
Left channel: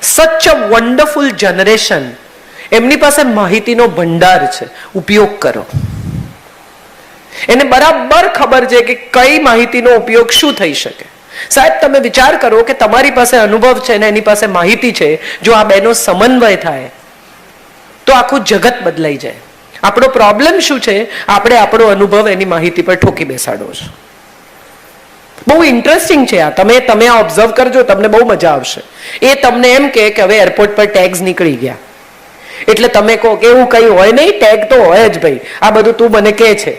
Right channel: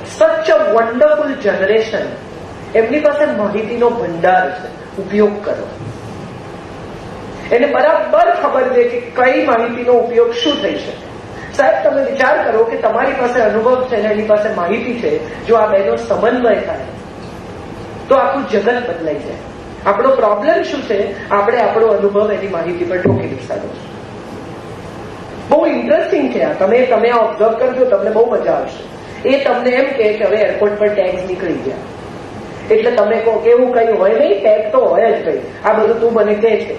Such a wonderful generation. એમની પાસે માહિતીનો ભંડાર છે, ઉપયોગ કરો. એને બરાબર ખબર છે કે કઈ માહિતીનો ઉપયોગ શું થઈ શકે. સાહેબ તમે વિચાર કરો કે તમારી પાસે અનુભવ છે ને એની પાસે માહિતી છે, જો આ બેનો સમન્વય થાય તો આખું જગત બદલાઈ જાય. આપણો પ્રોબ્લેમ શું છે, આપણે આપણો અનુભવ એની માહિતી પર ઠોકી બેસાડો છો. બહુ ઇન્ટરેસ્ટિંગ છે આ. તમે આ ઓબ્ઝર્વ કરજો, તમને બહુ મજા આવશે. એ તમને એમ કે હવે એરપોર્ટ પર ટેગ્સ નીકળી ગયા એટલે તમે કહો કે એવું કઈ હોય નહીં, ટેગ તો હોય જ ભાઈ, આ બધું તું મને કહે છે.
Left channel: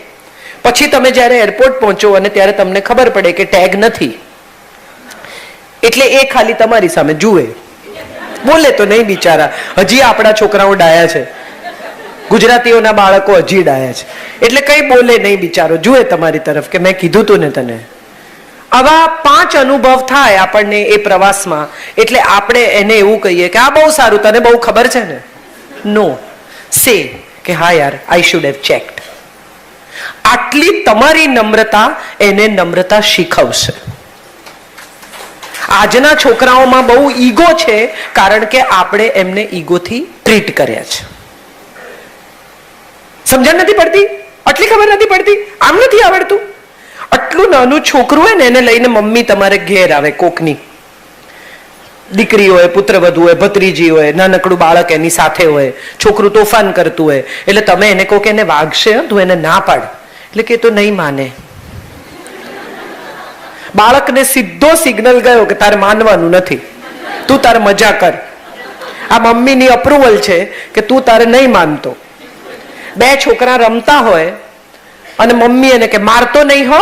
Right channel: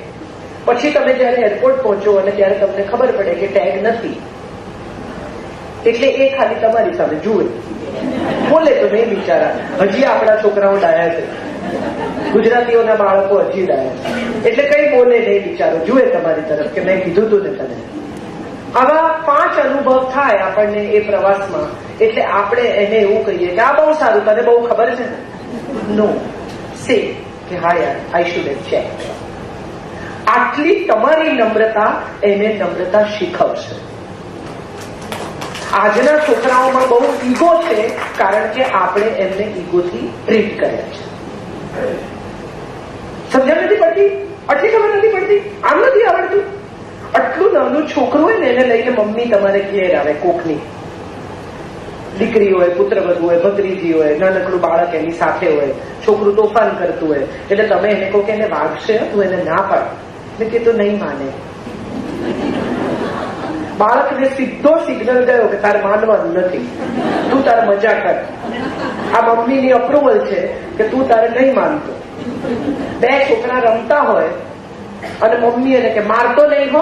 પછી તમે જ્યારે એરપોર્ટ પહોંચો અને ત્યારે તમને ખબર પડે કે ટેગ નથી, એટલે એ ખાલી તમારી સામે જુએ, બોલે તો નહીં બિચારા. હજી આપણા છોકરાઓ ડાયા છે, ગુજરાતીઓના બાળકો હજી ડાયા છે, એટલે કઈ બોલે નહીં બિચારો, જુએ તમારી તરફ કે મેં કીધું તું ને તને. આવા 5 અનુભવ થાય આપણને એ પ્રવાસમાં, એટલે આપણે એને એવું કહીએ કે આ બહુ સારું, તને બહુ ખબર છે ને. નો, સે કે હા યાર, આઈ શુડ હેવ ચેક્ડ. આટલી તમારી નમ્રતા એને નમ્રતા શીખવશે. આજના છોકરાઓમાં બહુ ઈગો છે કારણ કે આપણે એમને ઈગોથી ટ્રીટ કર્યા છે. સમજણ નથી પડતી, આટલી ખબર નથી પડતી, આમ નથી આવડતું. આટલું નાનું છોકરું હોય ને એને લઈને મમ્મી તમારે ઘેર આવે, કોકની દીકરી હોય, પુત્રવધુ હોય, ભત્રીજી હોય, નાનકડું બાળક એની સાથે હોય, છોકરું તોફાન કરતું હોય, એટલે તમે એને કહો કે એને વાગશે, તું એને ના પાડ, એટલે કે તો નહીં માને. બાળકને સીધો સિગ્નલ ગયો કે તારે માનવાનું નથી, તું તારે મજા કર. આ મમ્મીની અપ્રુવલ છે કે તું તારે નહીં માનતો. 2 છોકરા રમતા હોય અને મમ્મી એને કે મારતો નહીં હો,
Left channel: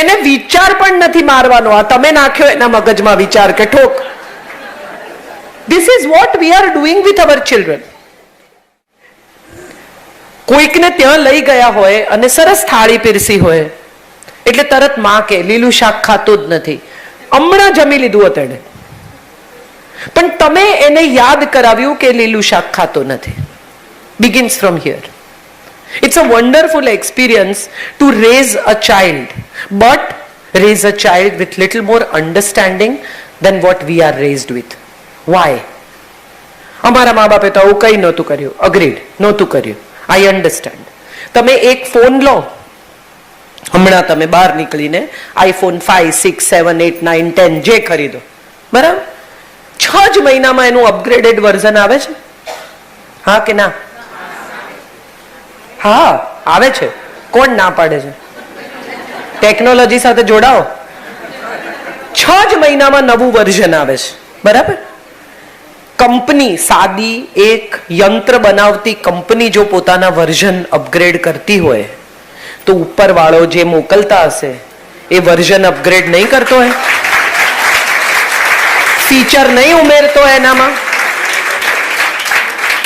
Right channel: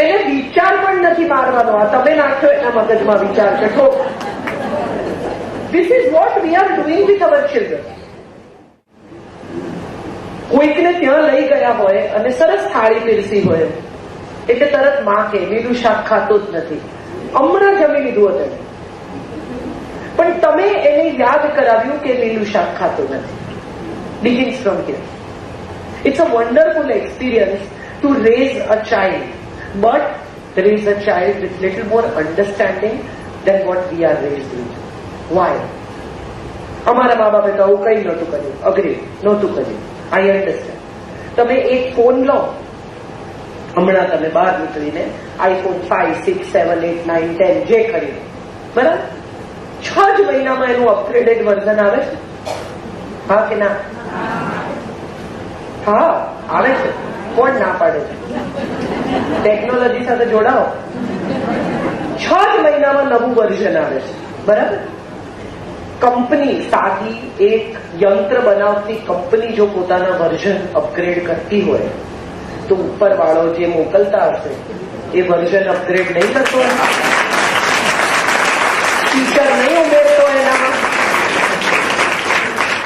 એને વિચાર પણ નથી મારવાનો, આ તમે નાખ્યો એના મગજમાં વિચાર કે ઠોક. This is what we are doing with our children. કોઈકને ત્યાં લઈ ગયા હોય અને સરસ થાળી પીરસી હોય એટલે તરત માં કે લીલું શાક ખાતો જ નથી, હમણાં જમી લીધું હતું એને, પણ તમે એને યાદ કરાવ્યું કે લીલું શાક ખાતો નથી. Begins from here. It's a wonderful experience to raise a child, but raise a child with little more understanding than what we are raised with. Why? અમારા મા બાપે તો આવું કઈ નહોતું કર્યું. અગ્રીડ, નહોતું કર્યું. I understand. તમે એક ફોન લો, હમણાં તમે બહાર નીકળીને iPhone 5, 6, 7, 8, 9, 10 જે ખરીદો, બરાબર, 6 જ મહિનામાં એનું અપગ્રેડેડ વર્ઝન આવે છે. હા કે ના? હા આવે છે. કોણ ના પાડે છે? ટેકનોલોજી સાથે જોડાઓ. 6 જ મહિનામાં નવું વર્ઝન આવે છે, બરાબર. કંપની, સાદી એક યંત્ર બનાવતી કંપની જો પોતાના વર્ઝન અપગ્રેડ કરતી હોય તો ઉપરવાળો જે મોકલતા હશે એ વર્ઝન અપગ્રેડ નહીં કરતો હોય, ફીચર નહીં ઉમેરતો એનામાં.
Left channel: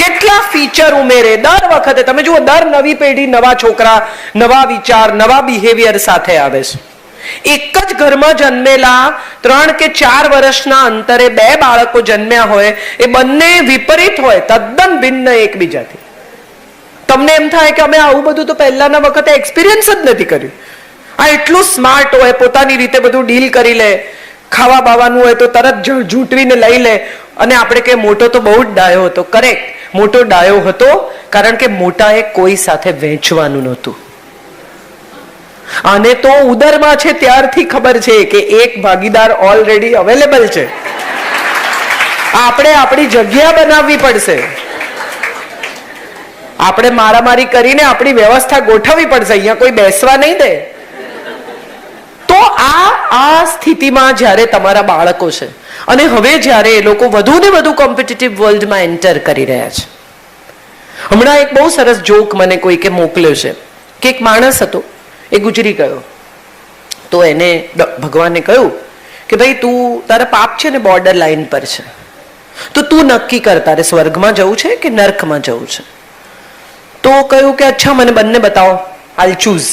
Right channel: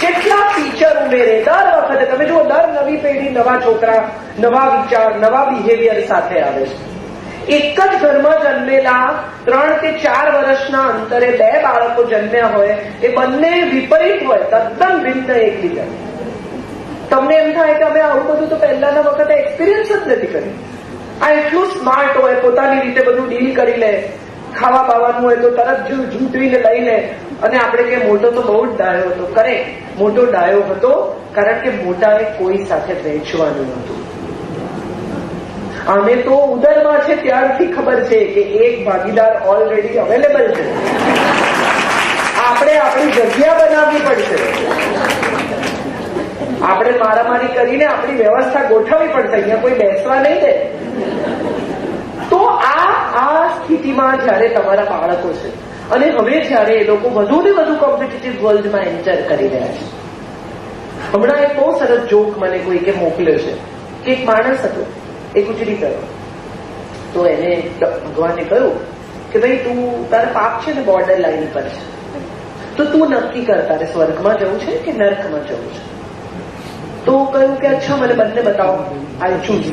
કેટલા ફીચર ઉમેરે દર વખતે. તમે જુઓ, દર નવી પેઢી નવા છોકરા, નવા વિચાર, નવા બિહેવિયર સાથે આવે છે. એક જ ઘરમાં જન્મેલા 3 કે 4 વર્ષના અંતરે 2 બાળકો જન્મ્યા હોય, એ બંને વિપરીત હોય, તદ્દન ભિન્ન એકબીજાથી. તમને એમ થાય કે અમે આવું બધું તો પહેલાના વખતે એક્સપિરિયન્સ જ નથી કર્યું. આ એટલું સ્માર્ટ હોય, પોતાની રીતે બધું ડીલ કરી લે, ખાવા બાવાનું હોય તો તરત ઝૂંટવીને લઈ લે. અને આપણે કે મોટો તો બહુ જ ડાયો હતો. કરેક્ટ, મોટો ડાયો હતો કારણ કે મોટાએ કોઈ સાથે વહેંચવાનું નહોતું. અને તો ઉદરમાં છે ત્યારથી ખબર છે કે એક ભાગીદાર ઓલરેડી અવેલેબલ છે. આપણે આપણી જગ્યા બનાવવી પડશે, આપણે મારામારી કરીને આપણી વ્યવસ્થા ગોઠવવી પડશે. અહીંયા કોઈ બેસવા નહીં દે. તો આ સ્થિતિમાં જ્યારે તમારા બાળકો છે અને હવે જ્યારે એ લોકો વધુ ને વધુ કોમ્પિટિટિવ વર્લ્ડમાં એન્ટર કરી રહ્યા છે, હમણાં એક બહુ સરસ જોક મને કોઈકે મોકલ્યો છે કે એક માણસ હતો, એ ગુજરી ગયો. તો એને ભગવાને કહ્યું કે ભાઈ તું, તારા પાપ છે ને બોર્ડર લાઈન પર છે, તો તું નક્કી કર તારે સ્વર્ગમાં જવું છે કે નર્કમાં જવું છે. તો કહ્યું કે અચ્છા મને બંને બતાવો, આઈ ચૂઝ.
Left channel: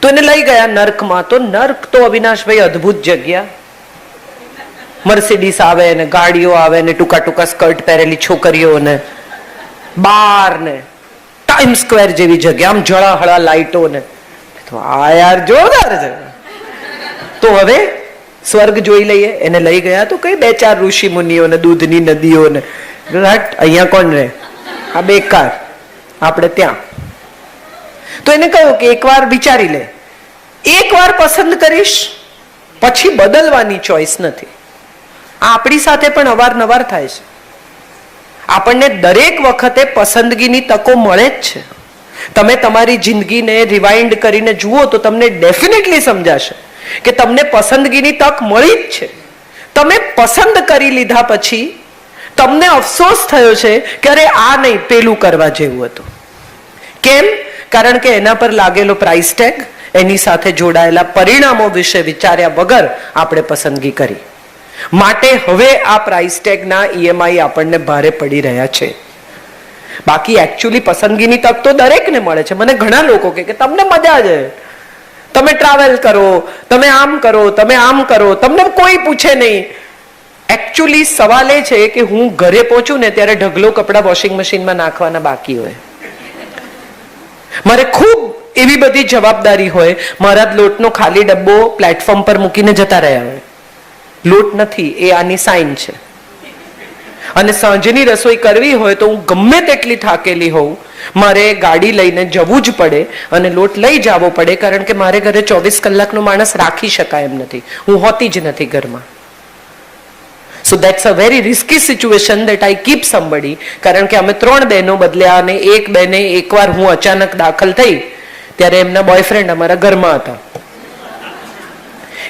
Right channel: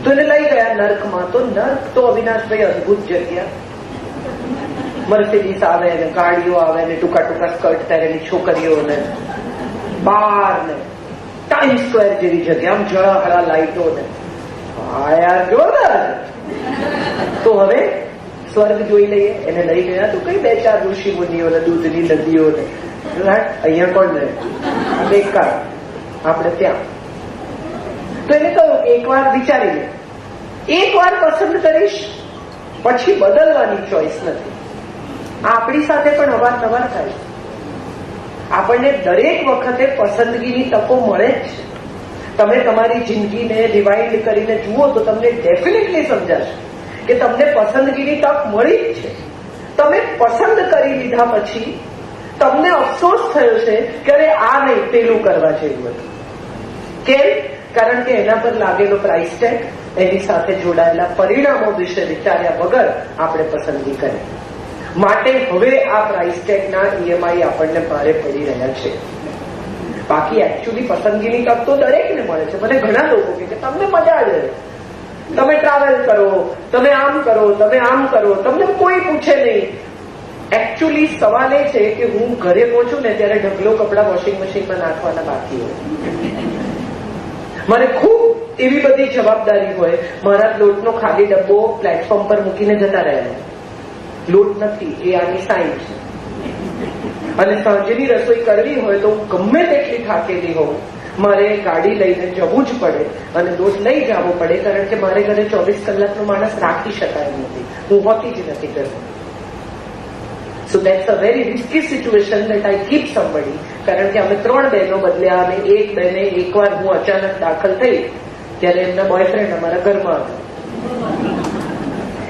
તો એને લઈ ગયા નર્કમાં. તો નર્ક તો અવિનાશભાઈ અદ્ભુત જગ્યા. મર્સિડીસ આવે ને ગાડીઓ આવે ને ટૂંકા ટૂંકા સ્કર્ટ પહેરેલી છોકરીઓ ને બાર ને ટાઈમ સ્ક્વેર જેવી જગ્યા, આમ જળાહળા લાઈટો ને. તો આ યાર જોરદાર છે. તો હવે સ્વર્ગ જોઈ લઈએ. એને લઈ ગયા તો કઈ 2-4 ઋષિ મુનિઓ ને દૂધની નદીઓ ને. અહીંયા કોણ રહે, આ બેકાર, આપણે ત્યાં. તો એને કહ્યું કે એકવાર વિચારી લે, એકવાર પસંદ કરીશ પછી બદલવાની ચોઈસ નથી. આપણી સાથે પણ અવારનવાર થાય છે. આપણને દરેક વખતે પસંદગીની તકો મળે જ છે. તમે તમારી જિંદગીને રિવાઇન્ડ કરીને જુઓ તો તમને ડેફિનેટલી સમજાશે કે તમને પસંદગીની તક મળી જ છે. તમે પસંદ કરી લીધા પછી તમને અફસોસ થયો છે કે અરે આ નહીં, પેલું કરવા જેવું હતું. કેમ? કારણ કે એના પર લાગેલો પ્રાઇસ ટેગ, એની સાથે જોડાયેલા પરિણામો વિશે વિચાર્યા વગર આપણે પસંદગી કરી. માટે હવે આ પ્રાઇસ ટેગના ઈએમઆઈ આપણને ભારે પડી રહ્યા છે. બાકી એકચ્યુઅલી પસંદગીની તક તો દરેકને મળે છે. મને ઘણા લોકો કહે કે તમને મજા છે, તમે ટ્રાવેલ કરો, તમે આમ કરો, તમે આમ કરો, તમને કોઈ પૂછે નહીં. એકચ્યુઅલી સવાલ એ છે કે હું ઘરે પહોંચું ને ત્યારે ઢગલો કપડા વોશિંગ મશીનમાં નાખવાના બાકી હોય. મારે ખૂબ એવી બધી જવાબદારી હોય, મારા લોટનો ખાલી ડબ્બો પ્લેટફોર્મ પર મૂકીને જતા રહ્યા હોય. લોટ નથી, એ આની સાઇન છે. અને સાંજની રસોઈ કરવી હોય તો હું ગમે તેટલી થાકેલી હોઉં, મારે ગાડી લઈને જવું જ પડે અને લોટ લઈ જવો પડે, કારણ કે મારે ઘરે 24 કલાકનો માણસ રાખી શકાય એમ નથી. હું હોતી જ નથી ઘરમાં. So that's a very risky situation that I keep somebody. કારણ કે અમે 3 બહેનો બદલ્યા અને એક બહેને એકવાર હું અચાનક દાખલ થઈ ત્યારે એમના બોયફ્રેન્ડ અમારા ઘરમાં હતા.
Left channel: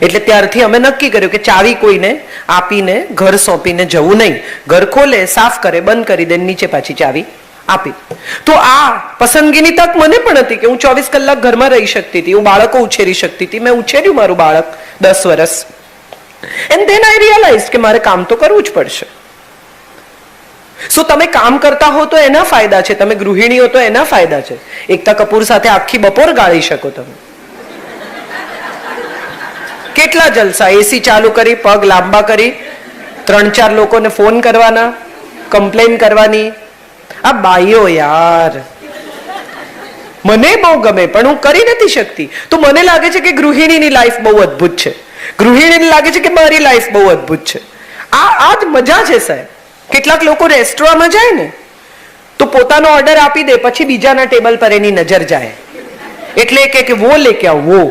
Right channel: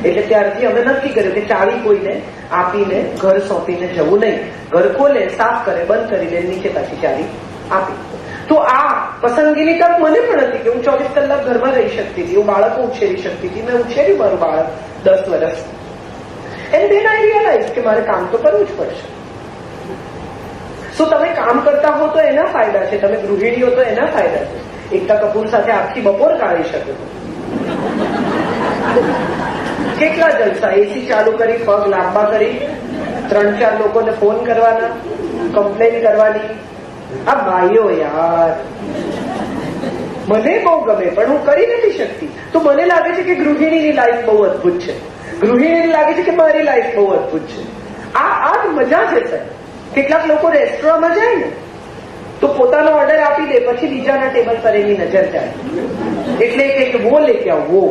એટલે ત્યારથી અમે નક્કી કર્યું કે ચાવી કોઈને આપીને ઘર સોંપીને જવું નહીં. ઘર ખોલે, સાફ કરે, બંધ કરી દે, નીચે પાછી ચાવી આપી. તો આ પસંદગીની તક મને પણ હતી કે હું 24 કલાક ઘરમાં રહી શકતી હતી, હું બાળકો ઉછેરી શકતી હતી. મેં ઉછેર્યું મારું બાળક 10 વર્ષ. And then I realized કે મારે કામ તો કરવું જ પડશે. શું તમે કામ કરતા હો તો એના ફાયદા છે, તમે ગૃહિણી હો તો એના ફાયદા છે. એકતા કપૂર સાથે આખી બપોર ગાળી શકો તમે. કેટલા જલસા, એસી ચાલુ કરી, પગ લાંબા કરી, 3-4 લોકોને ફોન કરવાના, કમ્પ્લેન કરવાની. આ બાઈઓ યાર મને બહુ ગમે પણ હું કરી નથી શકતી. તો મને લાગે છે કે ગૃહિણીની લાઈફ બહુ અદ્ભુત છે. ગૃહિણીને લાગે છે કે મારી લાઈફ બહુ અદ્ભુત છે. આ જ મજા છે સાહેબ. કેટલાક લોકો રેસ્ટોરન્ટમાં જાય ને તો પોતાનો ઓર્ડર આપી દે, પછી બીજાના ટેબલ પર એની નજર જાય, એટલે કે વો લેકે આવો, વો.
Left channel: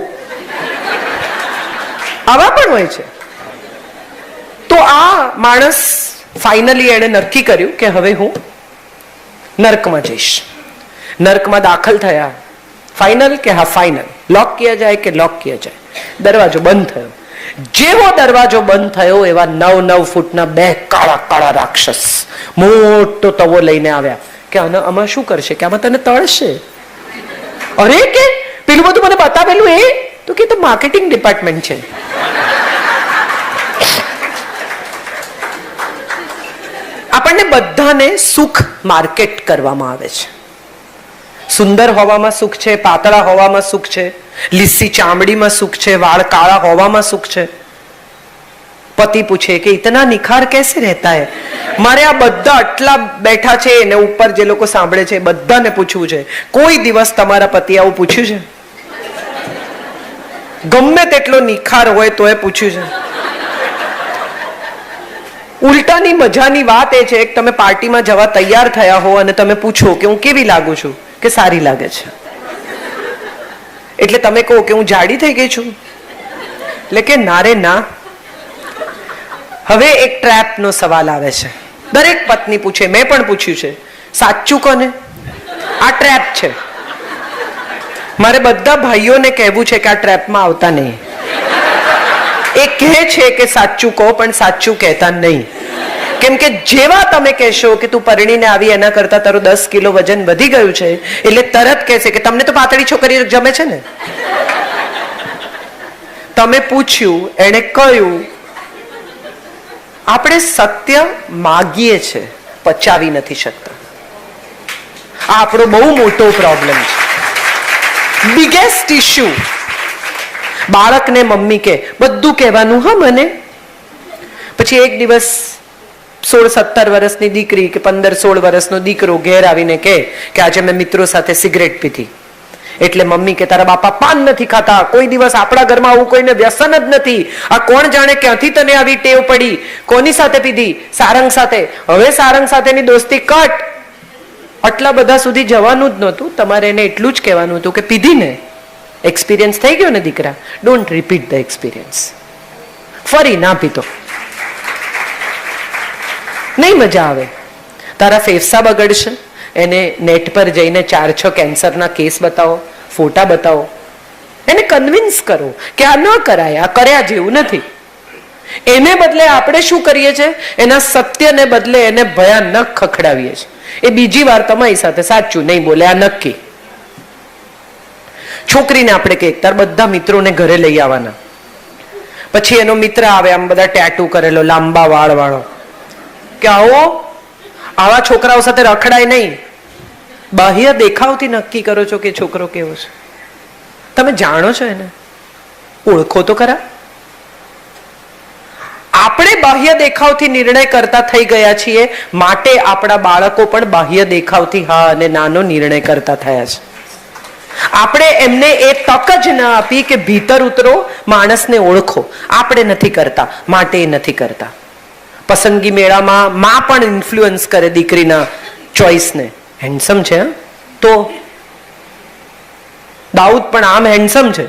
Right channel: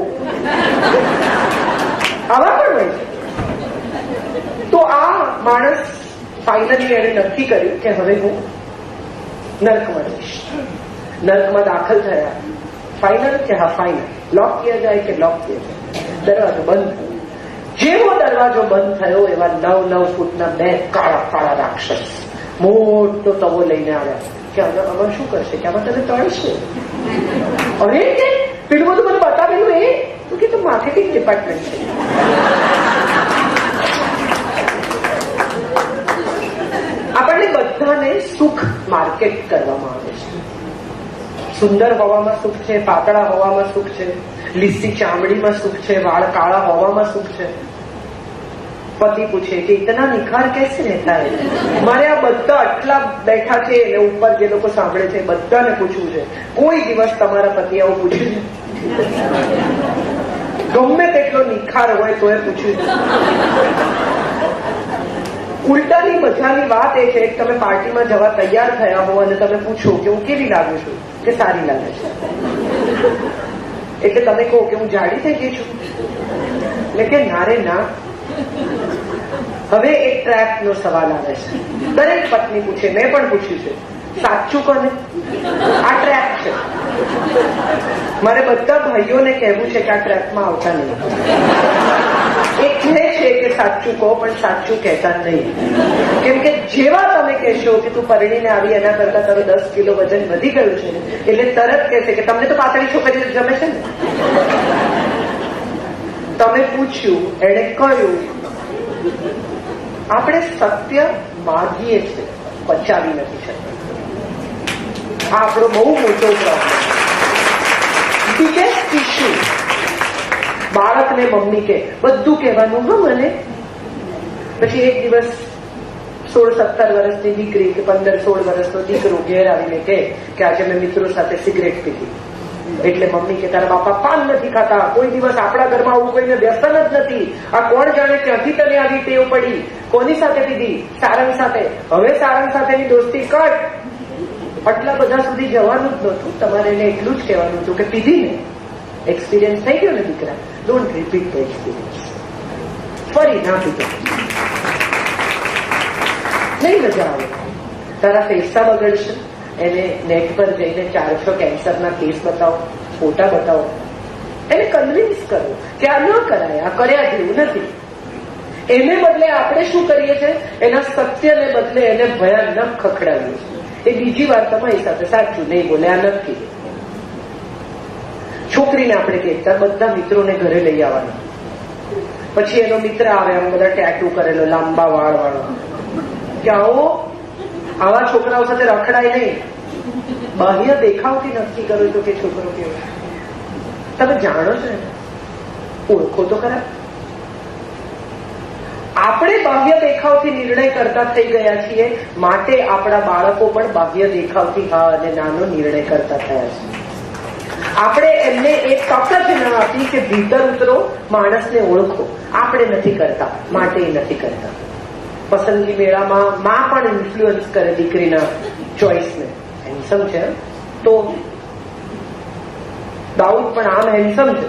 આવા પણ હોય છે. તો આ માણસ ફાઇનલી એણે નક્કી કર્યું કે હવે હું નર્કમાં જઈશ. નર્કમાં દાખલ થયા. ફાઇનલ કે હા ફાઇનલ, લોક કિયા જાય કે લોક કિયા જાય. દરવાજો બંધ થયો. જેવો દરવાજો બંધ થયો એવા 9-9 ફૂટના 2 કાળા કાળા રાક્ષસ મોટો તવો લઈને આવ્યા કે આમાં શું કરશે, કે આમાં તને તળશે. અરે કે પેલું બધું મને બતાવેલું એ તો કે માર્કેટિંગ ડિપાર્ટમેન્ટ છે. આપણને બધાને સુખ માર્કેટ કરવામાં આવે છે. સુંદર હોવામાં સુખ છે, પાતળા હોવામાં સુખ છે, લીસી ચામડીમાં સુખ છે, વાળ કાળા હોવામાં સુખ છે. પતિ પૂછે કે ઇતના નિખાર કેસે રહેતા હે. મારે આ બધા આટલા બેઠા છે એને ઉપર જે લોકો સાંભળે છે બધાને પૂછવું છે, કોઈ દિવસ તમારા પતિ આવું પૂછ્યું છે? ગમે તેટલો નિખાર હોય તો એ પૂછ્યું છે? ઉલટાની મજાની વાત એ છે કે તમે પાર્ટીમાં જવા તૈયાર થયા હો અને તમે પૂછો કે હું કેવી લાગુ છું, કે સારી લાગે છે. એટલે તમે કહો કે હું જાડી થઈ ગઈ છું, એટલે કે ના રે ના. હવે એક ટ્રેપ નો સવાલ આવે છે. દરેક પત્ની પૂછે, મેં પણ પૂછ્યું છે, સાચું કોને? આ ટ્રેપ છે. મારે બધા ભાઈઓને કહેવું છે કે આ ટ્રેપમાં આવતા નહીં. એ કહે છે કે સાચું કહો પણ સાચું કહેતા નહીં. કેમ કે જેવા તમે કહેશો કે તું પરણીને આવી એના કરતા તારું 10 કિલો વજન વધી ગયું છે, એટલે તરત કહેશે કે તમને તો પાતળી છોકરીઓ જમે છે ને. તમે પૂછ્યું, એને કહ્યું. આપણે સત્ય માગીએ છે, પચાવી નથી શકતા. આ આપણો બહુ મોટો પ્રોબ્લેમ છે, બિગેસ્ટ ઇશ્યુ. બાળકને મમ્મી કે બધું કહેવાનું હા મને, પછી એક દિવસ 16-17 વર્ષની દીકરી કે 15-16 વર્ષનો દીકરો ઘેર આવીને કહે કે આજે મેં મિત્રો સાથે સિગરેટ પીધી. એટલે મમ્મી કે તારા બાપા પાન નથી ખાતા, કોઈ દિવસ આપણા ઘરમાં આવું કોઈને વ્યસન જ નથી, આ કોણ જાણે ક્યાંથી તને આવી ટેવ પડી, કોની સાથે પીધી? સારંગ સાથે. હવે સારંગ સાથેની દોસ્તી કટ. આટલા બધા સુધી જવાનું જ નહોતું, તમારે એને એટલું જ કહેવાનું હતું કે પીધી ને, એક્સપિરિયન્સ થઈ ગયો ને દીકરા, ડોન્ટ રિપીટ ધ એક્સપિરિયન્સ. ફરી ના પીતો, નહીં મજા આવે. તારા ફેફસા બગડશે. એને નેટ પર જઈને 4-6 કેન્સરના કેસ બતાવો, ફોટા બતાવો, એને કન્વિન્સ કરો કે આ ન કરાય, આ કર્યા જેવું નથી. એને બદલે આપણે શું કરીએ છીએ? એના સત્યને બદલે એને ભયાનક ખખડાવીએ છીએ. એ બીજી વાર તમારી સાથે સાચું નહીં બોલે, આ નક્કી. છોકરીને આપણે કહીએ તાર બધા મિત્રોને ઘરે લઈ આવવાના, પછી એનો મિત્ર આવે આમ બધા ટેટુ કરેલો, લાંબા વાળ વાળો, કે આવો આવા છોકરાઓ સાથે રખડાય નહીં. બાહ્ય દેખાવથી નક્કી કરો છો કે છોકરો કેવો છે. તમે જાણો છો એને? ઓળખો તો ખરા. આપણે બાહ્ય દેખાવથી નિર્ણય કરતા થઈ ગયા છીએ, માટે આપણા બાળકો પણ બાહ્ય દેખાવથી હા અને નાનો નિર્ણય કરતા થયા છે. આપણે એમને એ તક જ ન આપી કે ભીતર ઉતરો, માણસને ઓળખો. આપણે નથી કરતા, માટે એ નથી કરતા. પસંદગી મેળામાં માં પણ ઇન્ફ્લુઅન્સ કરે દીકરીના ચોઇસને. હેન્ડસમ છે તો દાઉદ પણ આમ હેન્ડસમ છે,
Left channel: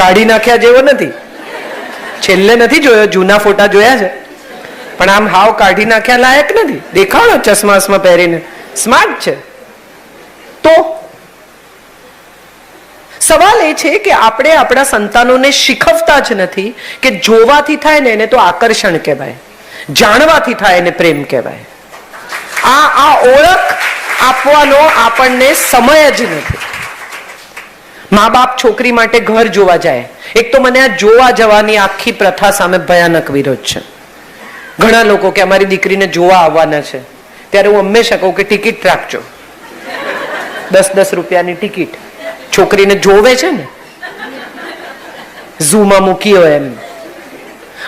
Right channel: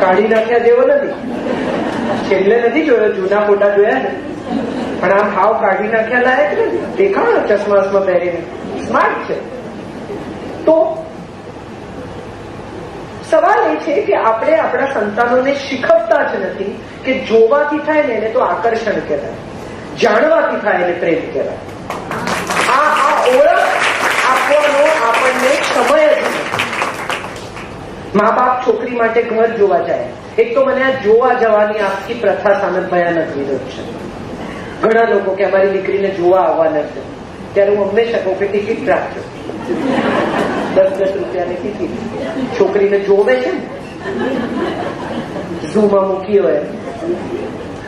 કાઢી નાખ્યા જેવો નથી. છેલ્લે નથી જોયો, જૂના ફોટા જોયા છે, પણ આમ હાવ કાઢી નાખ્યા લાયક નથી. દેખાડો ચશ્મા પહેરીને, સ્માર્ટ છે. તો સવાલ એ છે કે આપણે આપણા સંતાનોને શીખવતા જ નથી કે જોવાથી થાય ને એને તો આકર્ષણ કહેવાય, જાણવાથી થાય એને પ્રેમ કહેવાય. આ ઓળખ આપવાનો આપણને સમય જ નથી. મા બાપ છોકરી માટે ઘર જોવા જાય. એક તો મને આ જોવા જવાની આખી પ્રથા સામે ભયાનક વિરોધ છે. ઘણા લોકો કે અમારી દીકરીને જોવા આવવાના છે, ત્યારે હું હંમેશા કહું કે ટિકિટ રાખજો, 10-10 રૂપિયાની ટિકિટ. છોકરીને જોવે છે ને, ઝૂમાં મૂકી હોય એમ.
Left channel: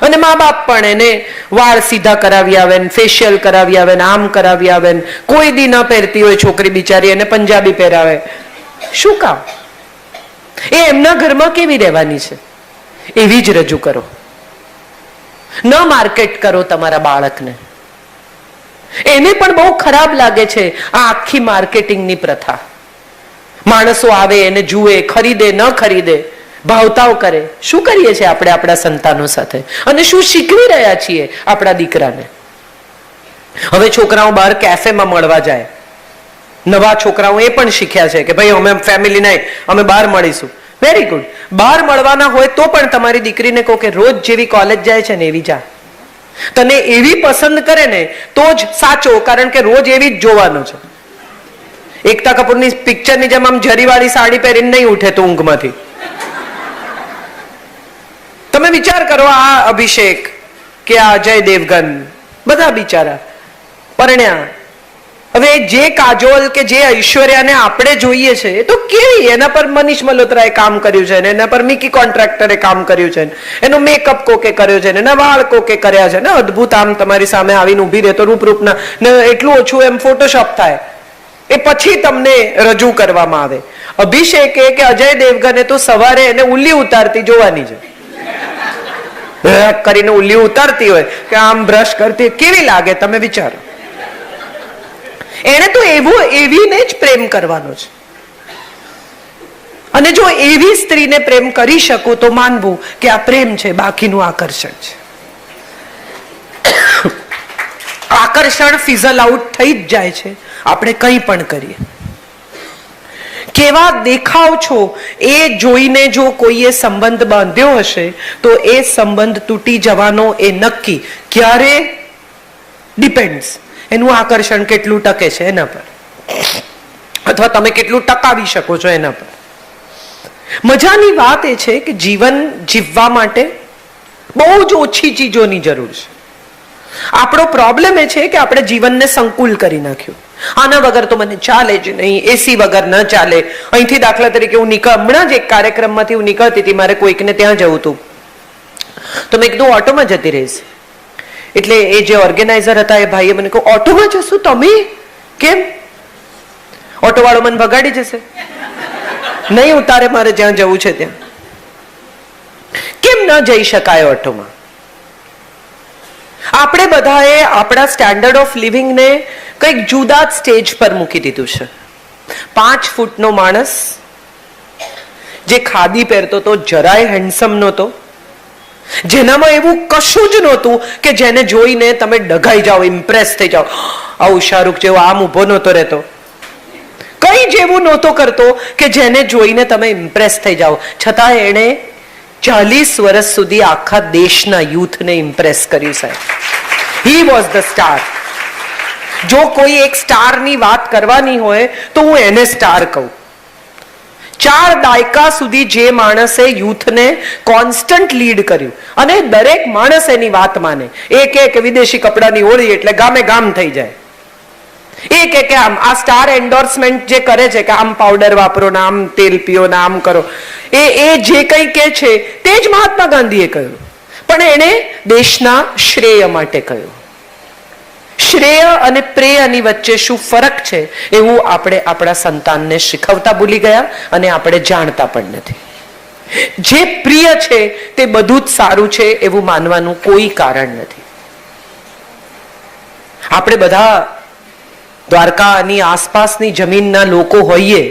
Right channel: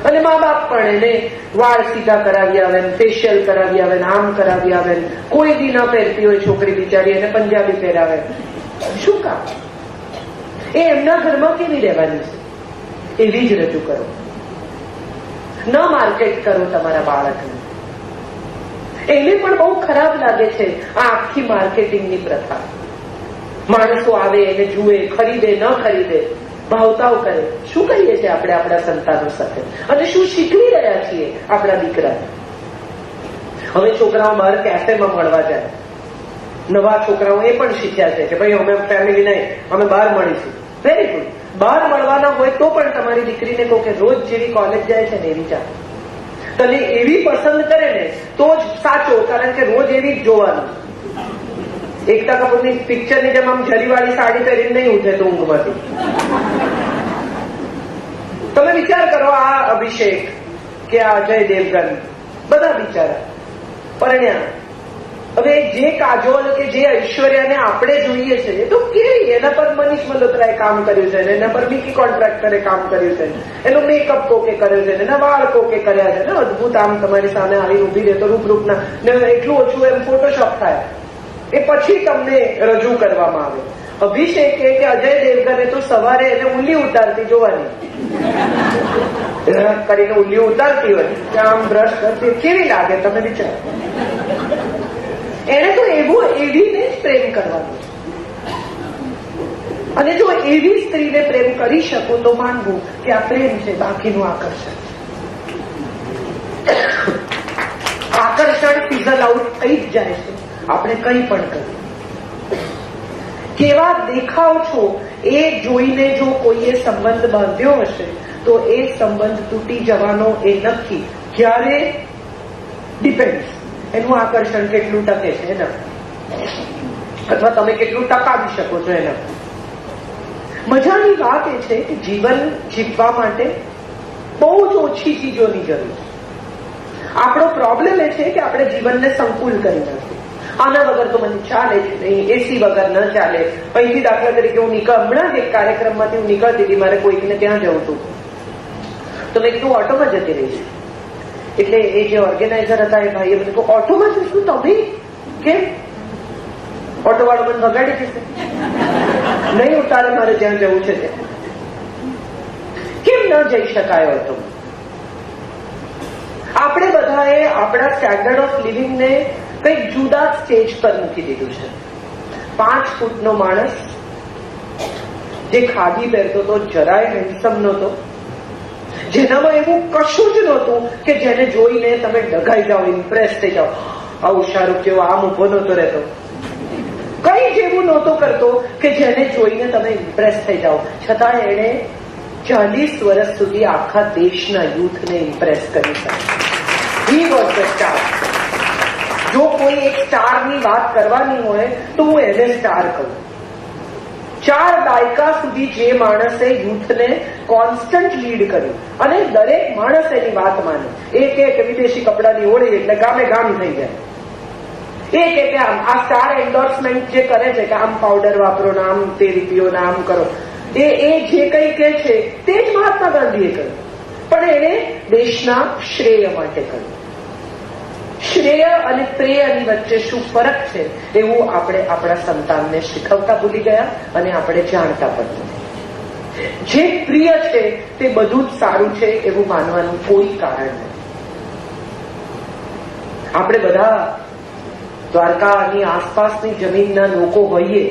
અને મા બાપ પણ એને વાળ સીધા કરાવી આવે, ફેશિયલ કરાવી આવે, આમ કરાવી આવે. કોઈ દી ન પહેરતી હોય છોકરી બિચારી, એને પંજાબી પહેરાવે. શું કામ? એ એમના ઘરમાં કેવી રહેવાની છે એવી જ રજૂ કરો. ન માર્કેટ કરો તમારા બાળકને. એને પણ બહુ ખરાબ લાગે છે આ આખી માર્કેટિંગની પ્રથા. માણસો આવે, એને જુએ, ખરીદે ન ખરીદે, ભાવતાઓ કરે. શું કરીએ છીએ આપણે આપણા સંતાનો સાથે, અને શું શીખવી રહ્યા છીએ આપણા દીકરાને? હવે છોકરાઓ બહાર કેફેમાં મળવા જાય, નવા છોકરાઓ એ પણ શીખ્યા છે કે ભાઈ અમે ફેમિલી નહીં, અમે બહાર મળીશું. Very good. બહાર મળવાના હોય તો પણ તમારી દીકરીને કહો કે રોજ જેવી કોલેજ જાય છે ને એવી જા. તને એવી પસંદ કરે ને તો જ સાચો, કારણ કે રોજ એવી જ જોવાનું છે. એકતા કપૂરની પિક્ચરની જેમ આમ જરીવાળી સાડી પહેરીને નહીં ઉઠે તો ઊંઘમાંથી. તમે વિચાર કરો, આ અભિષેક કે આ અજય દેવગન, બધા બિચારા પરણ્યા. હવે જે કાજોલ કે જે ઐશ્વર્યાને આપણે જોઈએ છે એ તો કેવી, એના પર મનીષ મલ્હોત્રાએ કામ કર્યું છે, એના પર મિકી કોન્ટ્રાક્ટરે કામ કર્યું છે, એનો મેકઅપ કોકે કર્યો છે, એના વાળ કોકે કર્યા છે ને અદભુત. આમ તમારી સામે આવીને ઉભી રહે તો રૂપરૂપના ને એટલું ઓછું એમ ફોટોશોપ થાય, એ પછી તમને રજૂ કરવામાં આવે. અભિષેકે કે અજય દેવગને તો સવારે એને ઉલ્લી ઉતારતી જોવાની છે, કરીને ઉલ્લી ઉતારતી હોય કે આમ બ્રશ કરતી, કેવી લાગે તમે વિચારો. એને તો એવીને જ પ્રેમ કરવાનો છે. અને જો એવી સ્ત્રીને પ્રેમ કરી શકો તો માનવું કે આ પ્રેમ છે, બાકીનું આકર્ષણ છે. આકર્ષણ ફિઝલ આઉટ થઈ જ જાય છે આપણે કંઈ પણ કરીએ. કેવા દેખાવ છો એ જોઈને જો કોઈએ સંબંધ બાંધ્યો હશે તો એ સંબંધ તૂટી જવાનો એ નક્કી. ક્યારે? ડિપેન્ડ્સ, એનું આકર્ષણ કેટલું ટકે છે એના પર, અથવા તમે કેટલું ટકાવી શકો છો એના પર. મજાની વાત એ છે કે જીવન જીવવા માટે બહુ જ ઓછી ચીજોની જરૂર છે. આપણો પ્રોબ્લેમ એ છે કે આપણે જીવનને સંકુલ કરી નાખ્યું. આના વગર તો મને ચાલે જ નહીં, એસી વગર ન ચાલે. અહીંથી દાખલા તરીકે હું હમણાં જ એક કાર્યક્રમમાંથી હું નીકળતી હતી, મારે કોઈકને ત્યાં જવું હતું, તો મેં કીધું ઓટોમાં જતી રહીશ. એટલે એ જે ઓર્ગેનાઇઝર હતા એ ભાઈએ મને કહ્યું, ઓટોમાં જશું તમે? કેમ? ઓટો વાળો મને વગાડી જશે, નહીં ઉતારે મારે જ્યાં જવું છે ત્યાં. કેમ ન જઈ શકાય ઓટોમાં? આપણે બધાએ આપણા સ્ટેન્ડર્ડ ઓફ લિવિંગને કંઈક જુદા જ સ્ટેજ પર મૂકી દીધું છે. 5 ફૂટનો માણસ જે ખાદી પહેરતો તો, જરાય હેન્ડસમ નહોતો, જેનામાં એવું કશું જ નહોતું કે જેને જોઈને તમે ડઘાઈ જાઓ, ઇમ્પ્રેસ થઈ જાઓ. આવું શાહરૂખ જેવો આમ ઉભો નહોતો રહેતો, કઈ જેવું નહોતો કરતો કે જેને જોઈને તમે ઇમ્પ્રેસ થઈ જાઓ. છતાં એણે 40 વર્ષ સુધી આખા દેશના યુથને ઇમ્પ્રેસ કર્યું સાહેબ. He was the star. જો કોઈ એક સ્ટારની વાત કરવાની હોય તો હું એને સ્ટાર કહું. 4 દાયકા સુધી જે માણસે યુથને કોન્સ્ટન્ટ લીડ કર્યું, અને દરેક માણસ એની વાત માને. એક વિદેશી કપડાની હોળી એટલે ગામે ગામ થઈ જાય. એક આમ આ સ્ટાર એન્ડોર્સમેન્ટ જે કરે છે કે આમ પાવડર વાપરો ને આમ તેલ પીઓ ને આમ કરો, એ જે કંઈ કે છે તે જ મહાત્મા ગાંધીએ કહ્યું, પણ એણે દેશના શ્રેય માટે કહ્યું. શ્રેય અને પ્રેયની વચ્ચે શું ફરક છે એવું આપણે આપણા સંતાનને શીખવતા ભૂલી ગયા, અને આપણે જાણતા પણ નથી. જે પ્રિય છે તે બધું જ સારું છે એવું માનવાનું કોઈ કારણ નથી. આપણે બધા દ્વારકાની આસપાસની જમીનના લોકો હોઈએ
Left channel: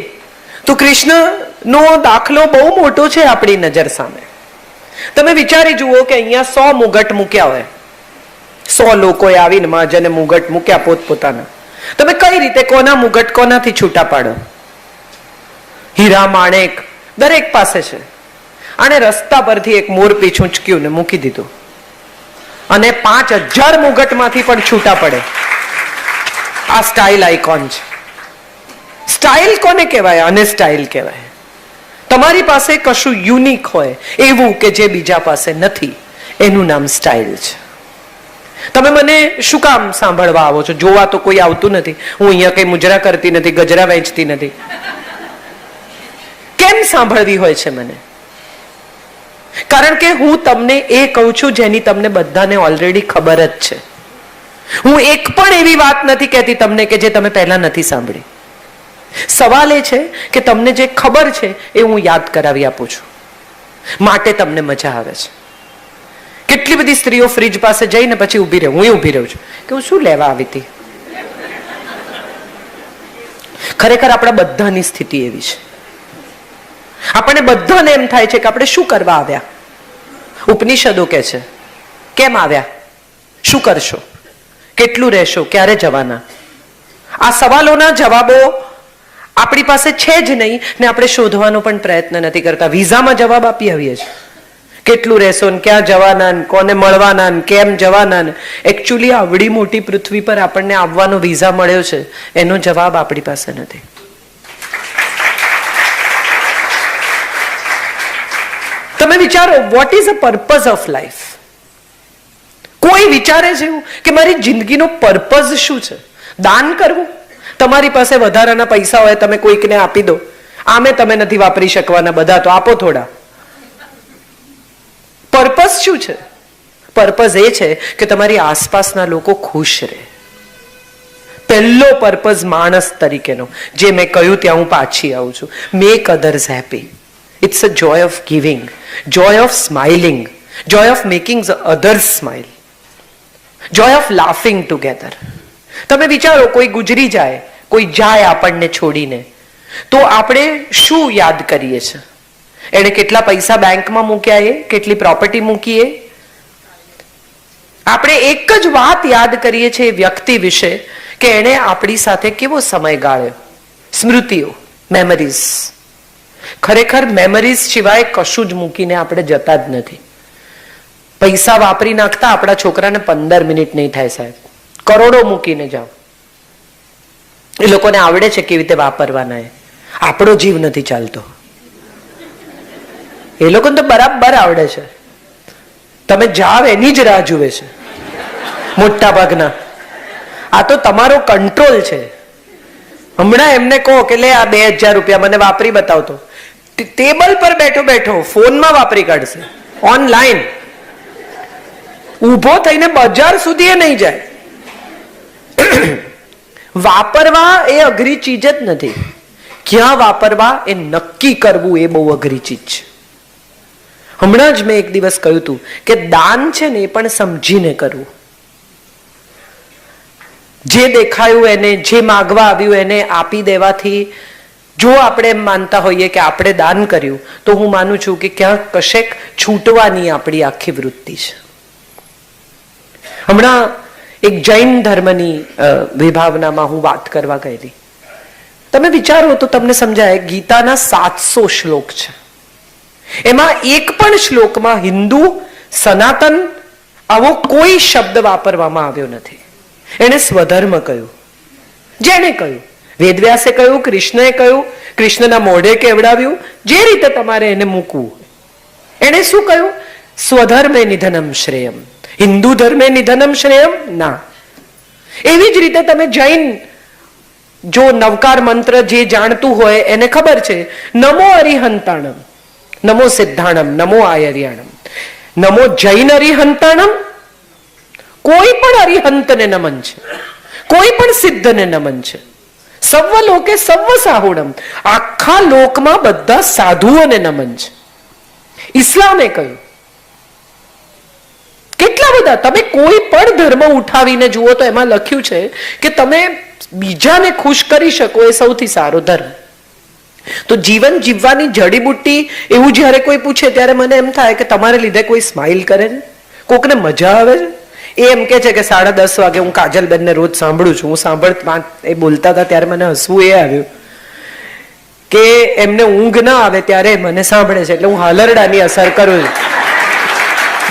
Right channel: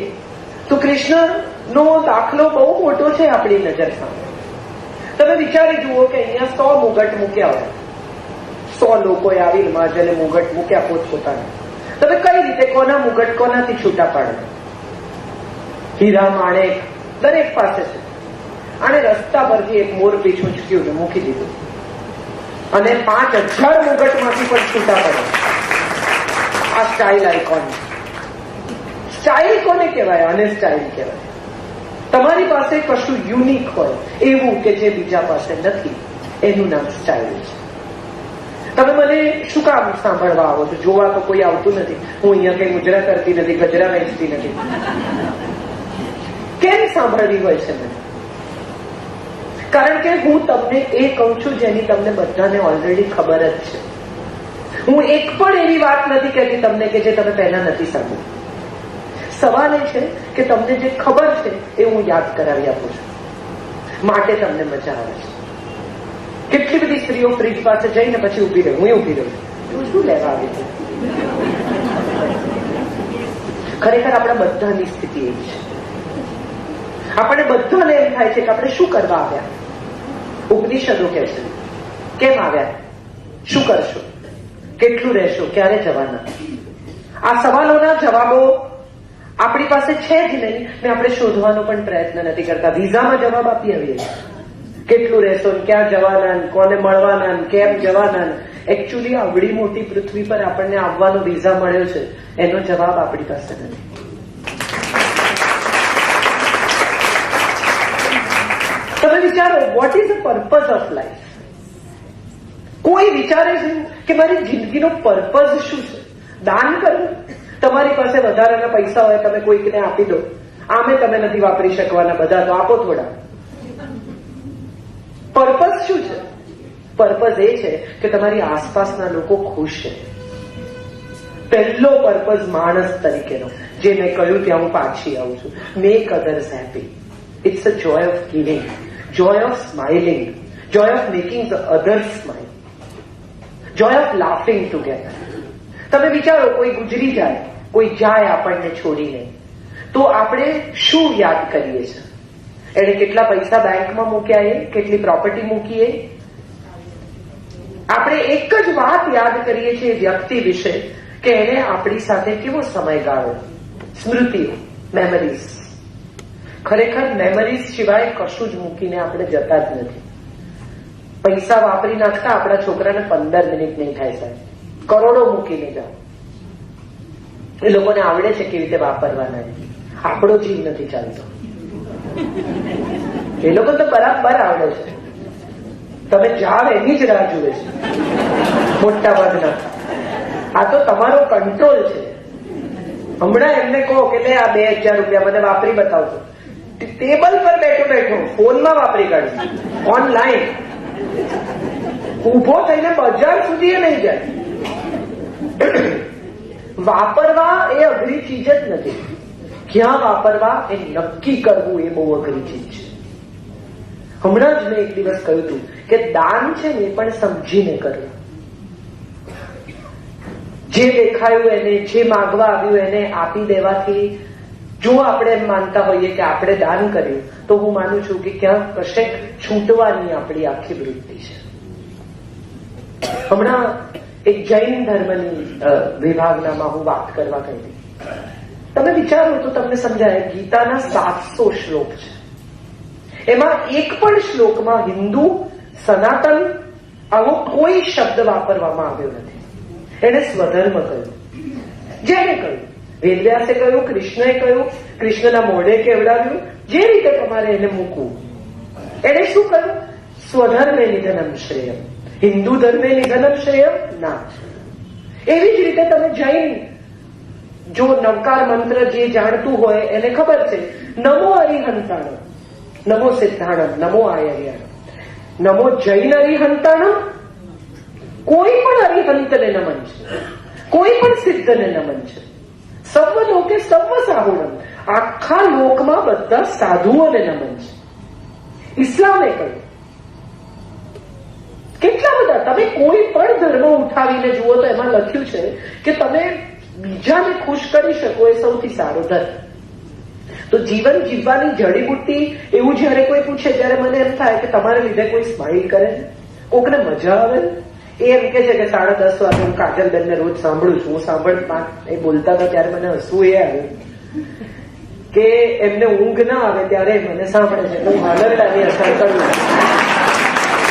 તો કૃષ્ણનો દાખલો બહુ મોટો છે આપણી નજર સામે. તમે વિચારી જુઓ કે અહીંયા 100 મુગટ મૂક્યા હોય, 100 લોકોએ આવીને મહાજને મુગટ મૂક્યા પોતપોતાના. તમે કઈ રીતે કોના મુગટ કોનાથી છૂટા પાડો? હીરા માણેક દરેક પાસે છે. આને રસ્તા પરથી એક મોર પીછું ઉંચક્યું ને મૂકી દીધું, અને 5000 મુગટમાંથી પણ છૂટા પડે. આ સ્ટાઇલ આઇકોન છે. સ્ટાઇલ કોને કહેવાય? અને સ્ટાઇલ કહેવાય. તમારી પાસે કશું યુનિક હોય એવું કે જે બીજા પાસે નથી, એનું નામ સ્ટાઇલ છે. તમે મને શું કામ સાંભળવા આવો છો? જોવા તો કોઈ આવતું નથી. હું અહીંયા કઈ મુજરા કરતી નથી, ગજરા વેચતી નથી. કેમ સાંભળવી હોય છે મને? કારણ કે હું તમને એ કહું છું જેની તમને બધાને ઓલરેડી ખબર જ છે. હું એક પણ એવી વાત નથી કહેતી તમને કે જે તમે પહેલા નથી સાંભળી. સવાલ એ છે કે તમને જે ખબર છે એ હું યાદ કરાવી આપું છું, માટે તમને મજા આવે છે. કેટલી બધી સ્ત્રીઓ ફ્રીજ પાસે જઈને પછી ઊભી રહે, હું ઊભી રહું છું કે હું શું લેવા આવી હતી. ખરેખર આપણા બધાની સ્થિતિ એવી છે. આપણને બધાને એમ થાય છે કે આપણે શું કરવા આવ્યા. ઉપનિષદો કે છે કેમ આવ્યા, શું કરશો, કેટલું રહેશો, ક્યારે જવાના. આ સવાલોના જવાબો આપણી પાસે છે જ નહીં, ને આપણે શોધવાનો પણ પ્રયત્ન નથી કરતા. વિઝામાં જવાબ આપી આવીએ છીએ, કેટલું રહેશો ને ક્યાં જવાના ને કોને મળવાના ને કેમ જવાના ને. એકચ્યુઅલી આવડી મોટી પૃથ્વી પર આપણને આવવાનો વિઝા મળ્યો છે, એનો જવાબ આપણી પાસે નથી. તમે વિચારો, what is a purpose of life? કોઈ વિચારે છે એવું કે મારી જિંદગીનો પર્પઝ શું છે? દાન કરવું? તમારી પાસે વધારાના પૈસા હોય તમે કોઈકને આપી દો, આમે તમે નથી વાપરી શકવાના બધા, તો આપો થોડા. પર્પઝ શું છે? પર્પઝ એ છે કે તમારી આસપાસના લોકો ખુશ રહે. પહેલો પર્પઝ માણસ તરીકેનો, જે મેં કહ્યું ત્યાં હું પાછી આવું છું, make others happy. It's a joy of giving, joy of smiling, joy of making others smile, joy of laughing together. તમે વિચારો, કોઈ ગુજરી જાય, કોઈ જાય આપણને છોડીને, તો આપણે શું યાદ કરીએ છીએ? એને કેટલા પૈસા બેંકમાં મૂક્યા, એ કેટલી પ્રોપર્ટી મૂકી, આપણે એક જ વાત યાદ કરીએ છીએ વ્યક્તિ વિશે કે એને આપણી સાથે કેવો સમય ગાળ્યો. સ્મૃતિઓ, મેમરીઝ. ખરેખર મેમરીઝ સિવાય કશું જ મૂકીને આપણે જતા જ નથી. પૈસા વાપરી નાખતા આપણા છોકરાને 15 મિનિટ નહીં થાય સાહેબ, કરોડો મૂકીને જાઓ. એ લોકોને આવડે છે કેવી રીતે વાપરવાના. આપણો જીવ નથી ચાલતો. એ લોકોને તો બરાબર આવડે છે. તમે જાવ એની જ રાહ જુએ છે મોટા ભાગના. આ તો તમારો કંટ્રોલ છે. હમણાં એમને કહો કે લે આ 2000 રૂપિયા મને વાપરી બતાવતો, ટેબલ પર બેઠો બેઠો ફોનમાં વાપરી કાઢશે, ઓનલાઈન. ઊભો થઈને બજાર સુધી નહીં જાય. વાપરવા એ અઘરી ચીજ જ નથી. ક્યાં વાપરવા એ નક્કી કરવું એ બહુ અઘરી ચીજ છે. હમણાં જ મેં એક દિવસ કહ્યું હતું કે દાન છે ને એ પણ સમજીને કરવું. જે દેખાયું એને, જે માગવા આવ્યું એને આપી દેવાથી જો આપણે એમ માનતા હોઈએ કે આપણે દાન કર્યું, તો હું માનું છું કે ક્યાંક કશેક છૂટવાની આપણી આખી વૃત્તિ છે. હમણાં એક જૈન ધર્મની વિભાવનામાં હું વાત કરવા ગઈ હતી. તમે વિચારો તો તમને સમજાય. ગીતાના 700 શ્લોક છે. એમાં એક પણ શ્લોકમાં હિન્દુ, સનાતન આવો કોઈ શબ્દ વાપરવામાં આવ્યો નથી. એને સ્વધર્મ કહ્યું. જેને કહ્યું, વેદવ્યાસે કહ્યું, કૃષ્ણએ કહ્યું, કૃષ્ણના મોઢે કેવડાવ્યું, જે રીતે તમારે એને મૂકવું. એને શું કહ્યું? સ્વધર્મે નિધનમ શ્રેયમ. હિન્દુ ધર્મે નિધનમ શ્રેયમ ના. એવી જ રીતે તમે જૈન જો નવકાર મંત્ર જે જાણતું હોય એને ખબર છે, નમો અરિહંતાણમ, નમો સિદ્ધાણમ, નમો આયર્યાણમ, નમો જૈન અરિહંતાણમ. કોઈ પણ અરિહંતને નમન છે, કોઈ પણ સિદ્ધને નમન છે. સર્વ લોકે સર્વ સાહુણમ. આખા લોકમાં બધા સાધુઓને નમન છે. ઇસ્લામે કહ્યું. કેટલા બધા તમે કોઈ પણ ધર્મ ઉઠાવીને જુઓ તો એમાં લખ્યું છે કે તમે બીજાને ખુશ કરી શકો એ સૌથી સારો ધર્મ. તો જીવન જીવવાની જડીબુટ્ટી એવું જ્યારે કોઈ પૂછે ત્યારે મને એમ થાય કે તમારે લીધે કોઈ સ્માઇલ કરે છે, કોકને મજા આવે છે. એ એમ કે છે કે 10:30 વાગે હું કાજલબેનને રોજ સાંભળું છું. હું એ બોલતા હતા ત્યારે મને હસવું એ આવ્યું કે એમને ઊંઘ ના આવે ત્યારે મને સાંભળે છે, એટલે હું હાલરડાની અસર કરું છું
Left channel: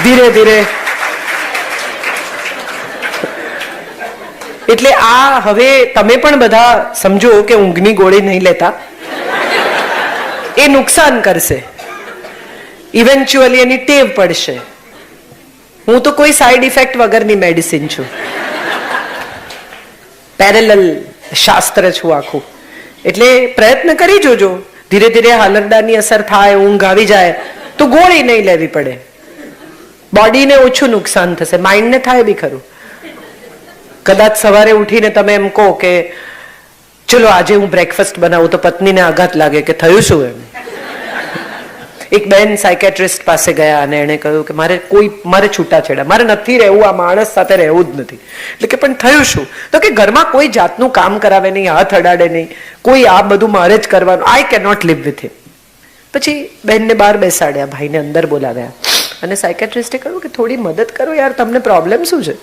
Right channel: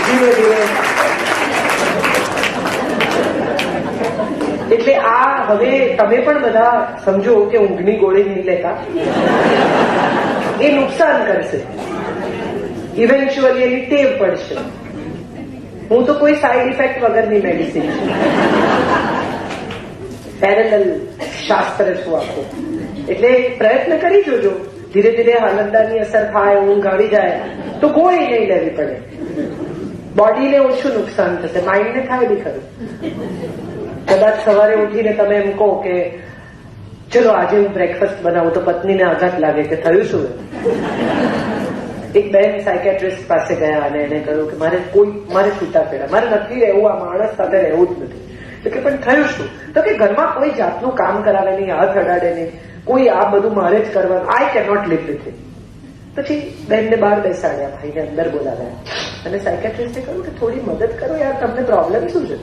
ધીરે ધીરે. એટલે આ હવે તમે પણ બધા સમજો કે ઊંઘની ગોળી નહીં લેતા. એ નુકસાન કરશે. ઇવેન્ચ્યુઅલી એની ટેવ પડશે. હું તો કોઈ સાઈડ ઇફેક્ટ વગરની મેડિસિન છું. પેરેલલ શાસ્ત્ર છું આખું. એટલે પ્રયત્ન કરી જોજો. ધીરે ધીરે હાલરડાની અસર થાય, ઊંઘ આવી જાય તો ગોળી નહીં લેવી પડે. બોડીને ઓછું નુકસાન થશે, માઇન્ડને થાય બી ખરું. કદાચ સવારે ઉઠીને તમે એમ કહો કે ચલો આજે હું બ્રેકફાસ્ટ બનાવું, તો પત્નીને આઘાત લાગે કે થયું શું એમ. એક બેન સાયકેટ્રિસ્ટ પાસે ગયા અને એને કહ્યું કે મારે છૂટાછેડા, મારે નથી રહેવું, આ માણસ સાથે રહેવું જ નથી. એટલે કે પણ થયું શું? તો કે ઘરમાં કોઈ જાતનું કામ કરાવે નહીં, હાથ અડાડે નહીં, કોઈ આ બધું મારે જ કરવાનું. I can not live with him. પછી બેનને બહાર બેસાડ્યા, ભાઈને અંદર બોલાવ્યા અને સાયકેટ્રિસ્ટે કહ્યું કે થોડી મદદ કરો યાર, તમને પ્રોબ્લેમ શું છે?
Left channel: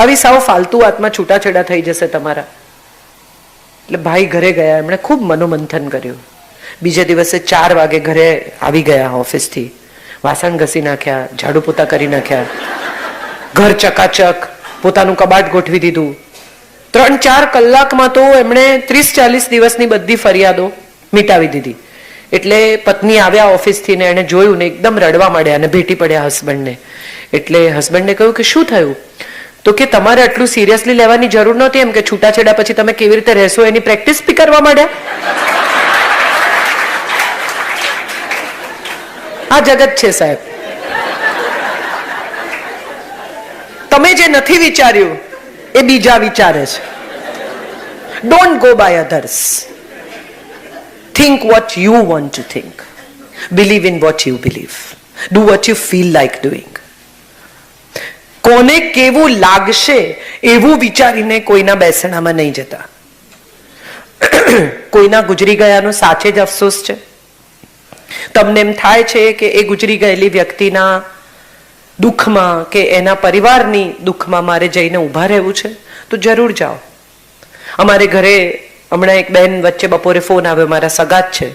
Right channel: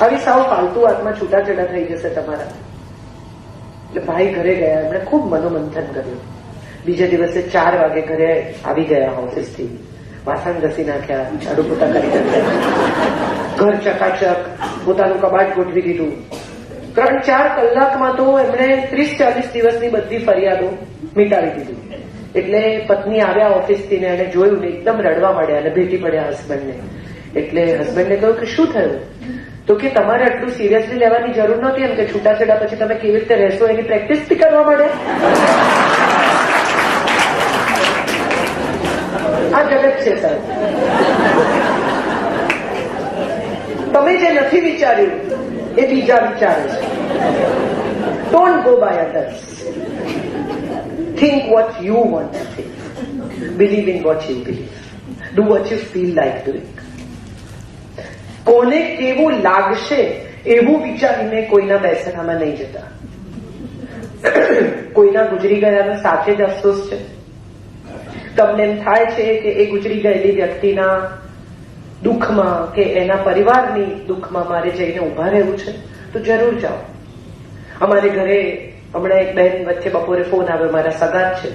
આવી સાવ ફાલતુ વાતમાં છૂટાછેડા થઈ જશે તમારા. એટલે ભાઈ ઘરે ગયા, એમણે ખૂબ મનોમંથન કર્યું. બીજા દિવસે 4 વાગે ઘરે આવી ગયા ઓફિસથી. વાસણ ઘસી નાખ્યા, ઝાડુ પોતા કરી નાખ્યા, ઘર ચકાચક, પોતાનું કબાટ ગોઠવી દીધું. 3-4 કલાકમાં તો એમણે 30-40 દિવસની બધી ફરિયાદો મિટાવી દીધી. એટલે પત્ની આવ્યા ઓફિસથી ને એને જોયું ને એકદમ રડવા માંડ્યા અને ભેટી પડ્યા હસબન્ડને. એટલે હસબન્ડને કહ્યું કે શું થયું? તો કે તમારે આટલું સિરિયસલી લેવાની જરૂર નહોતી, એમ કે છૂટાછેડા પછી તમે કેવી રીતે રહેશો એની પ્રેક્ટિસ બી કરવા માંડ્યા. આ જગત છે સાહેબ. તમે જે નથી વિચાર્યું એ બીજા વિચારે છે. Don't go by others. Think what you want to think. Believe in what you believe. Do what you feel like doing. કોને કેવું લાગશે એવું વિચારીને કોઈના બેસણામાં નહીં જતા. કોઈના ગુજરી ગયાનો સાચે જ અફસોસ છે. તમને એમ થાય છે કે એ ગુજરી ગયેલી વ્યક્તિના દુઃખમાં કે એના પરિવારની દુઃખમાં મારે જઈને ઊભા રહેવું છે, તો જરૂર જાઓ. અમારે ઘરે હમણાં એક બેન વચ્ચે બપોરે ફોન આવ્યો, મારા સગાત છે,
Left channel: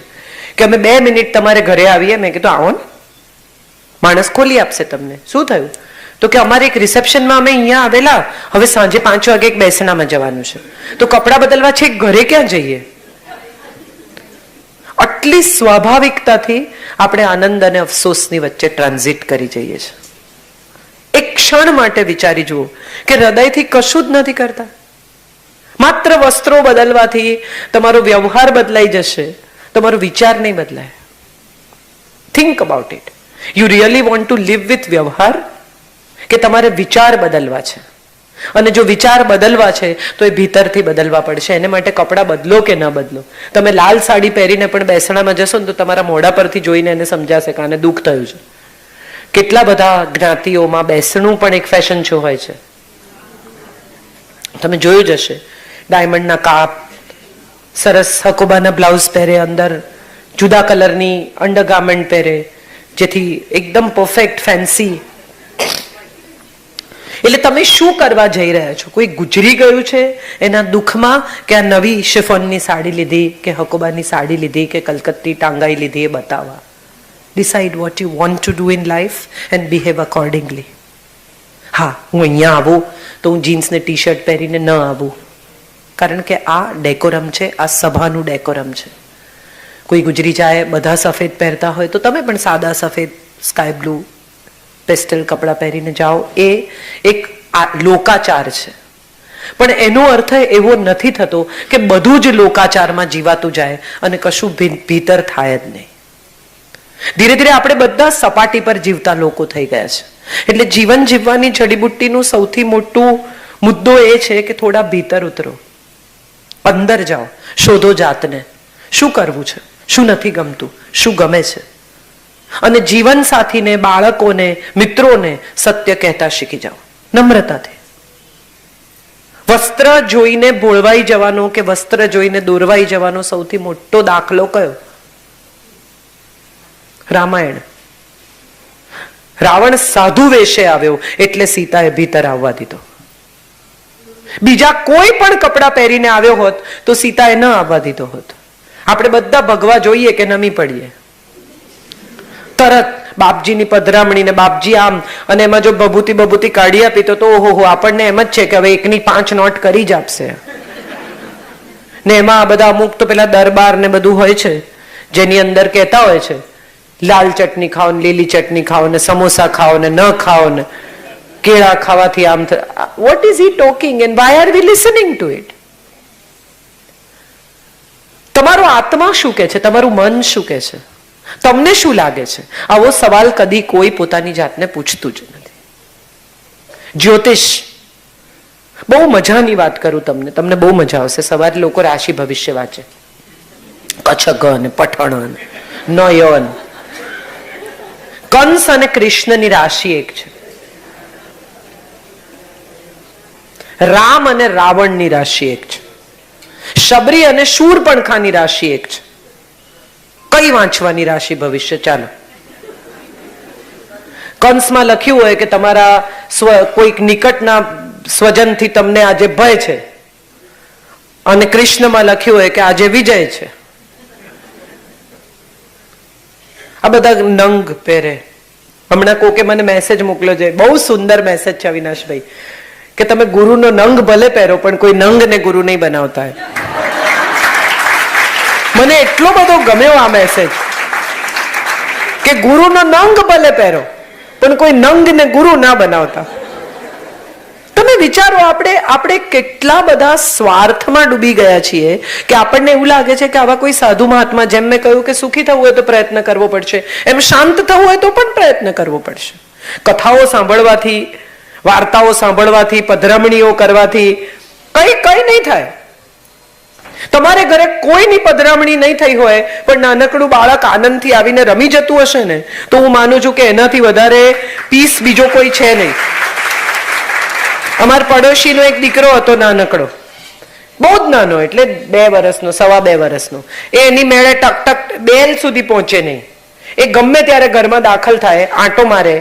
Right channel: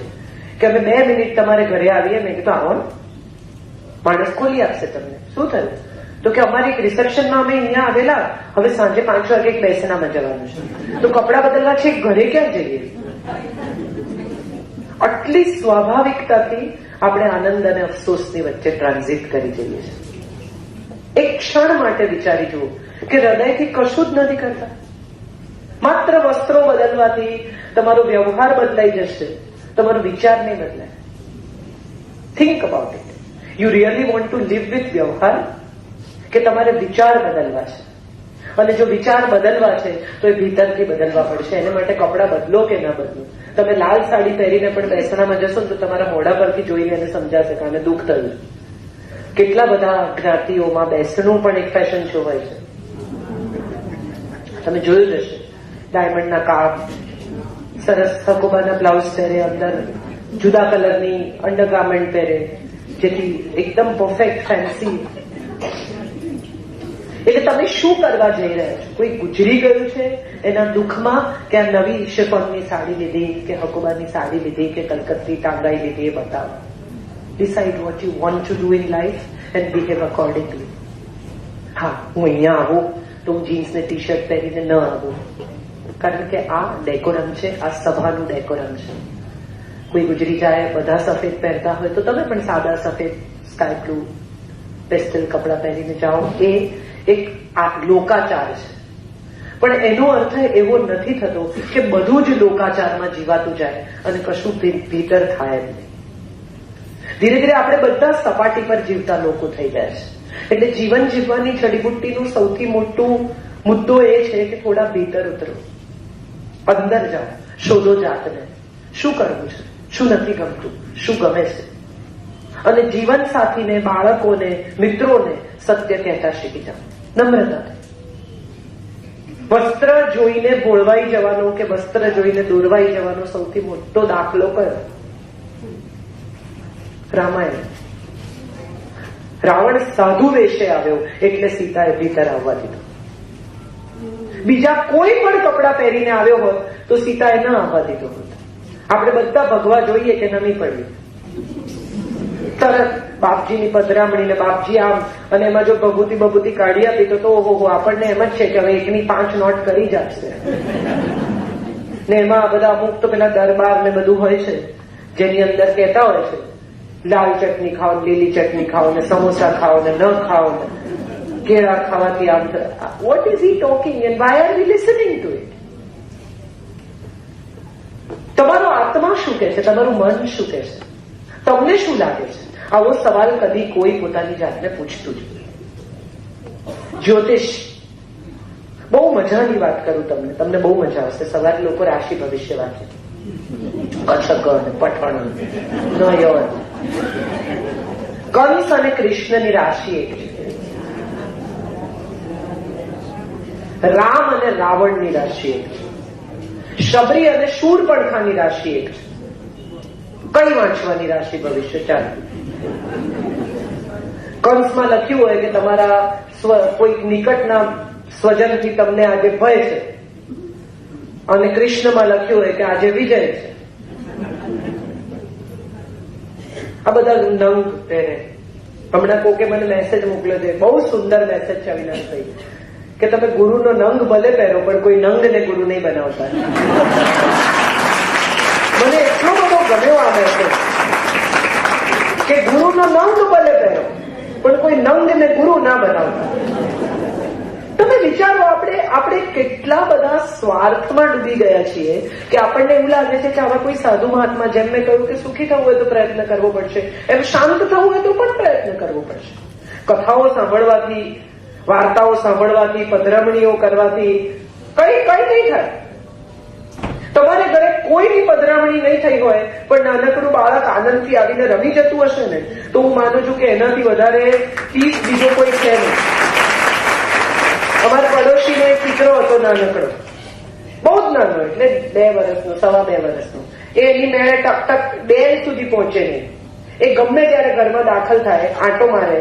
કે અમે 2 મિનિટ તમારે ઘરે આવીએ. મેં કીધું આવો ને, માણસ ખોલી આપશે તમને. શું થયું? તો કે અમારે એક રિસેપ્શનમાં અમે અહીંયા આવેલા, હવે સાંજે 5 વાગે એક બેસણામાં જવાનું છે, તો કપડાં બદલવા છે ઘરે ક્યાં જઈએ? આટલી સ્વાભાવિકતાથી આપણે આનંદ અને અફસોસની વચ્ચે ટ્રાન્ઝિટ કરી જઈએ છીએ. એક ક્ષણ માટે વિચારી જુઓ કે હૃદયથી કશું જ નથી કરતા. માત્ર વસ્ત્રો બદલવાથી તમારો વ્યવહાર બદલાઈ જશે, તમારો વિચાર નહીં બદલાય. Think about it. You really want to live with વ્યવહાર, કે તમારે વિચાર બદલવા છે? અને જો વિચાર બદલવા છે તો એ ભીતરથી બદલવા પડશે. એને માટે કપડાં બદલો કે ન બદલો. તમે લાલ સાડી પહેરીને પણ બેસણામાં જશો ને તો તમારા મોઢા પરથી જોઈને એને સમજાશે કે આને દુઃખ થયું છે. કેટલા બધા જ્ઞાતિઓમાં બેસણું પણ એક ફેશન શો હોય છે. તમે જોયું જ હશે. ડાયમંડના કાપ, સરસ હકોબાના બ્લાઉઝ પહેરે, અંદર જુદા કલરની અંડરગાર્મેન્ટ પહેરે, જેથી એકદમ પરફેક્ટ ફેન્સી. એટલે તમે શું કરવા જઈ રહ્યા છો? કોઈ ગુજરી ગયું છે એના દુઃખમાં કે આ નવી શિફોનની સાડી લીધી, કે હકોબાની સાડી લીધી, કે કલકત્તી ટાંગાઈ લીધી, એ બતાવવા. Decide vote you want to do in life and behave accordingly. હા, હું અહીંયા આવું તો હું જીન્સ ને ટી શર્ટ પહેરીને ન આવું, કારણ કે આ ડેકોરમ છે, આ સભાનું ડેકોરમ છે. કોઈ ગુજરી જાય, બધા સફેદ પહેરતા હોય તો તમે પણ સાદા સફેદ, સ્કાય બ્લુ, પેસ્ટલ કપડાં પહેરીને જાઓ. એ એક લોકાચાર છે. પણ એનો અર્થ એવો નથી થતો કે બધું જ લોકાચારમાં જીવાતું જાય અને કશું ભીતર થાય જ નહીં. ધીરે ધીરે આપણે બધા સપાટી પર જીવતા લોકો થઈ ગયા છે. એટલે જીવન જીવવાની જડીબુટ્ટીનું સૌથી મોટું મુદ્દો એ છે કે થોડા ભીતર ઉતરો, અંદર જાઓ, શોધો જાતને. શું કરવું છે, શું નથી ગમતું, શું ગમે છે. અને જીવન સાથીને, બાળકોને, મિત્રોને સત્ય કહેતા શીખી જાઓ, નમ્રતાથી. વસ્ત્ર જોઈને ભોળવાઈ જવાનો કે વસ્ત્ર જોઈને દોરવાઈ જવાનો સૌથી મોટો દાખલો કયો? રામાયણ. રાવણ સાધુ વેશે આવ્યો એટલે સીતાએ ભીતર આવવા દીધો. બીજા કોઈ પણ કપડા પહેરીને આવ્યો હોત તો સીતાએ ન આવવા દીધો હોત. આપણે બધા ભગવા જોઈએ કે નમી પડીએ, તરત બાપજીની પધરામણી ને બાપજી આમ, અને એમાં જો બબૂતી કાઢી આપી તો ઓહો, આપણને એમ જ છે કે હવે 1ની 5 નોટ કરી જ આપશે. ને એમાં આ બધા અમુક તો પેલા દરબાર ને બધું હોય છે, જેની અંદર કહેતા હોય છે લાલ ચટણી ખાઓ ને લીલી ચટણી ખાઓ ને સમોસા ખાઓ ને ન ખાઓ ને કેળા ખાવાથી આમ. What is he talking and why are we listening to it? તમારો આત્મા શું કે છે? તમારું મન શું કે છે? તમને શું લાગે છે? આવો સવાલ કદી કોઈ પોતાની જાતને પૂછતું જ નથી. જ્યોતિષ, બહુ મજાની વાત કરું તમને બહુ મજા આવશે. સવારે લોકો રાશિ ભવિષ્ય વાંચે, કચ્છકન, પઠણ, નયન. કંસ અને કૃષ્ણની રાશિ એક છે. રામ અને રાવણની રાશિ એક છે. શબરી અને શૂરપણખાની રાશિ એક છે. કઈ વાંચવાની રાશિ ભવિષ્ય? ચાલો. કંસમાં લખ્યું હોય કે તમારા કોઈક નિકટના સ્વજનથી તમને આજે ભય છે, અને કૃષ્ણમાં લખ્યું હોય કે આજે વિજય છે. આ બધા નંગ પહેરે. હમણાં કોકે મને મેસેજ મોકલ્યો છે, બહુ સુંદર મેસેજ છે અવિનાશભાઈ, કે તમે ગુરુનો નંગ ભલે પહેરો પણ કોઈ નંગને ગુરુ નહીં બનાવતા. મને એટલો બધો ગમ્યો આ મેસેજ, કે ગુરુનો નંગ ભલે પહેરો પણ કોઈ નંગને ગુરુ ના બનાવતા. તમે વિચારો, આપણે કેટલા બધા સ્વાર્થમાં ડૂબી ગયા છીએ કે આપણને એવું લાગે છે કે આવા કોઈ સાધુ મહાત્મા, જેમ મેં કહ્યું કે સુખી થવું હોય તો પ્રયત્ન કરવો પડશે, એમ શાંત થવું હોય તો પણ પ્રયત્ન કરવો પડશે. કથાઓ સાંભળવાથી, વાર્તાઓ સાંભળવાથી, પધરામણીઓ કરવાથી કઈ નહીં થાય. તમારે ઘરે કોઈની પધરામણી નહીં થઈ હોય પણ નાનકડું બાળક આનંદથી આવીને રમી જતું હશે ને, તો હું માનું છું કે એનાથી વધારે પીસ બીજો કોઈ છે નહીં. અમારા પડોશીનો એક દીકરો હતો, નાનકડો, બહુ જ નાનો, એટલે 2 વર્ષનો, 2.25 વર્ષનો. એ એની મેળે ટક બેલ સુધી પહોંચે નહીં. એ ગમે ત્યારે ઘરમાં દાખલ થાય, આંટો મારે,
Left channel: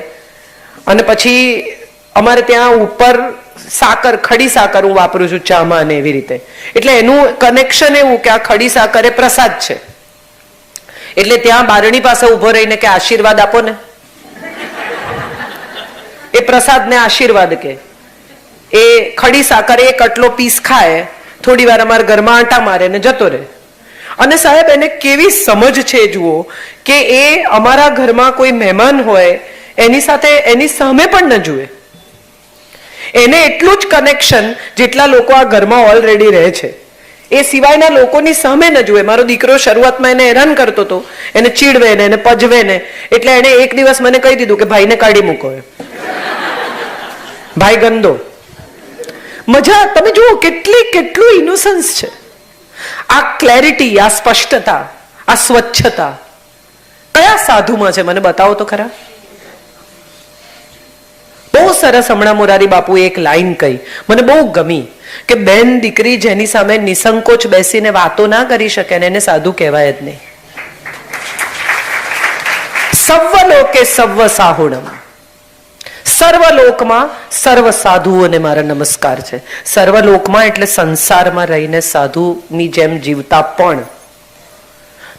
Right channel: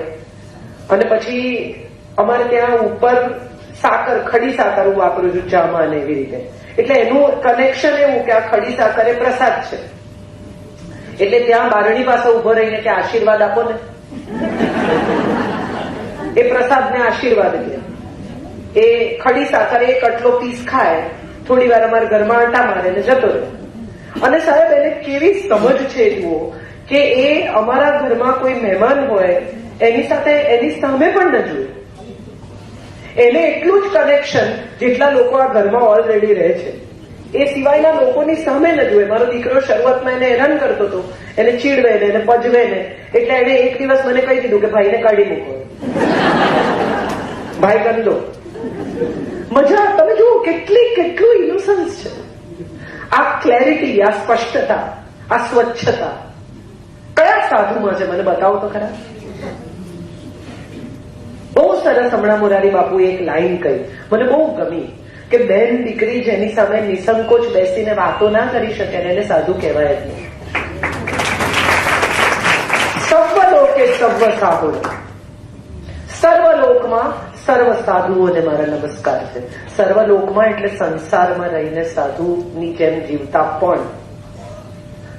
અને પછી અમારે ત્યાં ઉપર સાકર, ખડી સાકર હું વાપરું છું ચામાં ને એવી રીતે. એટલે એનું કનેક્શન એવું કે આ ખડી સાકર એ પ્રસાદ છે. એટલે ત્યાં બારણી પાસે ઉભો રહીને કે આશીર્વાદ આપો ને, એ પ્રસાદને આશીર્વાદ કે. એ ખડી સાકર એક આટલો પીસ ખાય, થોડી વાર અમારા ઘરમાં આટા મારે ને જતો રહે. અને સાહેબ એને કેવી સમજ છે જુઓ, કે એ અમારા ઘરમાં કોઈ મહેમાન હોય એની સાથે એની સામે પણ ન જુએ. એને એટલું જ કનેક્શન જેટલા લોકો આ ઘરમાં ઓલરેડી રહે છે એ સિવાયના લોકોની સામે ન જુએ. મારો દીકરો શરૂઆતમાં એને હેરાન કરતો હતો, એને ચીડવે ને એને પજવે ને, એટલે એને એક દિવસ મને કહી દીધું કે ભાઈને કાઢી મૂકો, ભાઈ ગંદો. મજા, તમે જુઓ કેટલું ઇનોસન્સ છે. આ ક્લેરિટી, આ સ્પષ્ટતા, આ સ્વચ્છતા કયા સાધુમાં છે મને બતાવો તો ખરા. બહુ સરસ હમણાં મોરારી બાપુએ એક લાઈન કહી, મને બહુ ગમી, કે બેન દીકરી જેની સામે નિસંકોચ બેસીને વાતો ના કરી શકે એને સાધુ કહેવાય જ નહીં. સર્વલોકે સર્વ સાહુણ, સર્વલોકમાં સર્વ સાધુઓને મારા નમસ્કાર છે. સર્વલોકમાં એટલે સંસારમાં રહીને સાધુની જેમ જીવતા પણ.